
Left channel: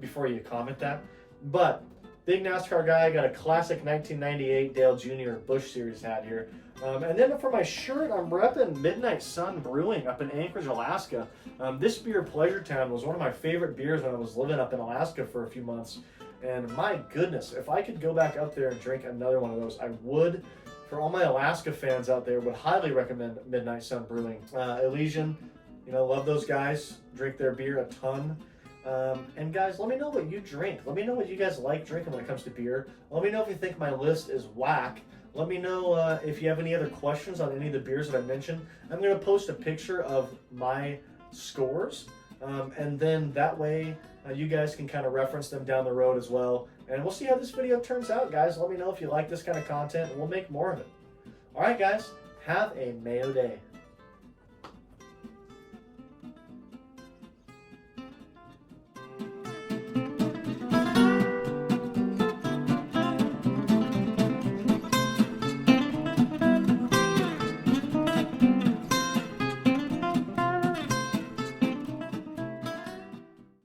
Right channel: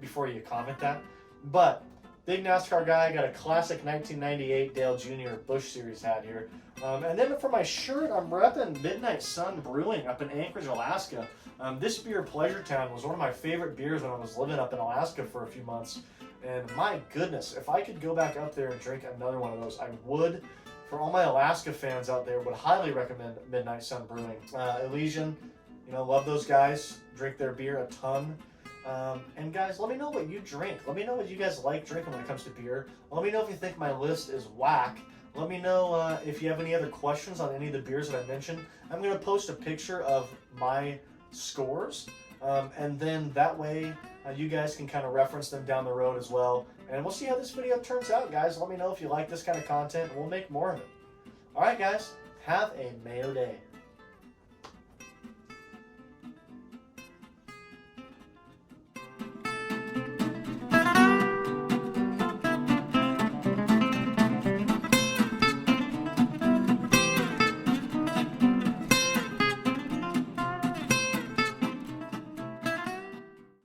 before you comment that. But big NASCAR guy, got a classic 1998 Dale Jr. Busch Series hat here. And then for my shirt, I'm repping Midnight Sun Brewing up in Anchorage, Alaska. This beer, Pleasure Town, was one of my favorite beers when I was living up in Alaska for a few months. And my goodness, if I could go back up there and drink another one of those, I would. For all my Alaska fans out there, would highly recommend Midnight Sun Brewing. Elysian, you know, love those guys. Drink their beer a ton. And guys, let me know what you drink. Let me know what you guys like drinking when it comes to beer. Let me know if you think my list is whack. Let me know if you have any other questions on any of the beers that I mentioned. I'm going to post a picture of my scores, and then that way you guys can kind of reference them down the road as well. And we'll see how this video turns out, guys. Let me know if you like this kind of content, and we'll make more of it. All right, guys, have a Mayo day.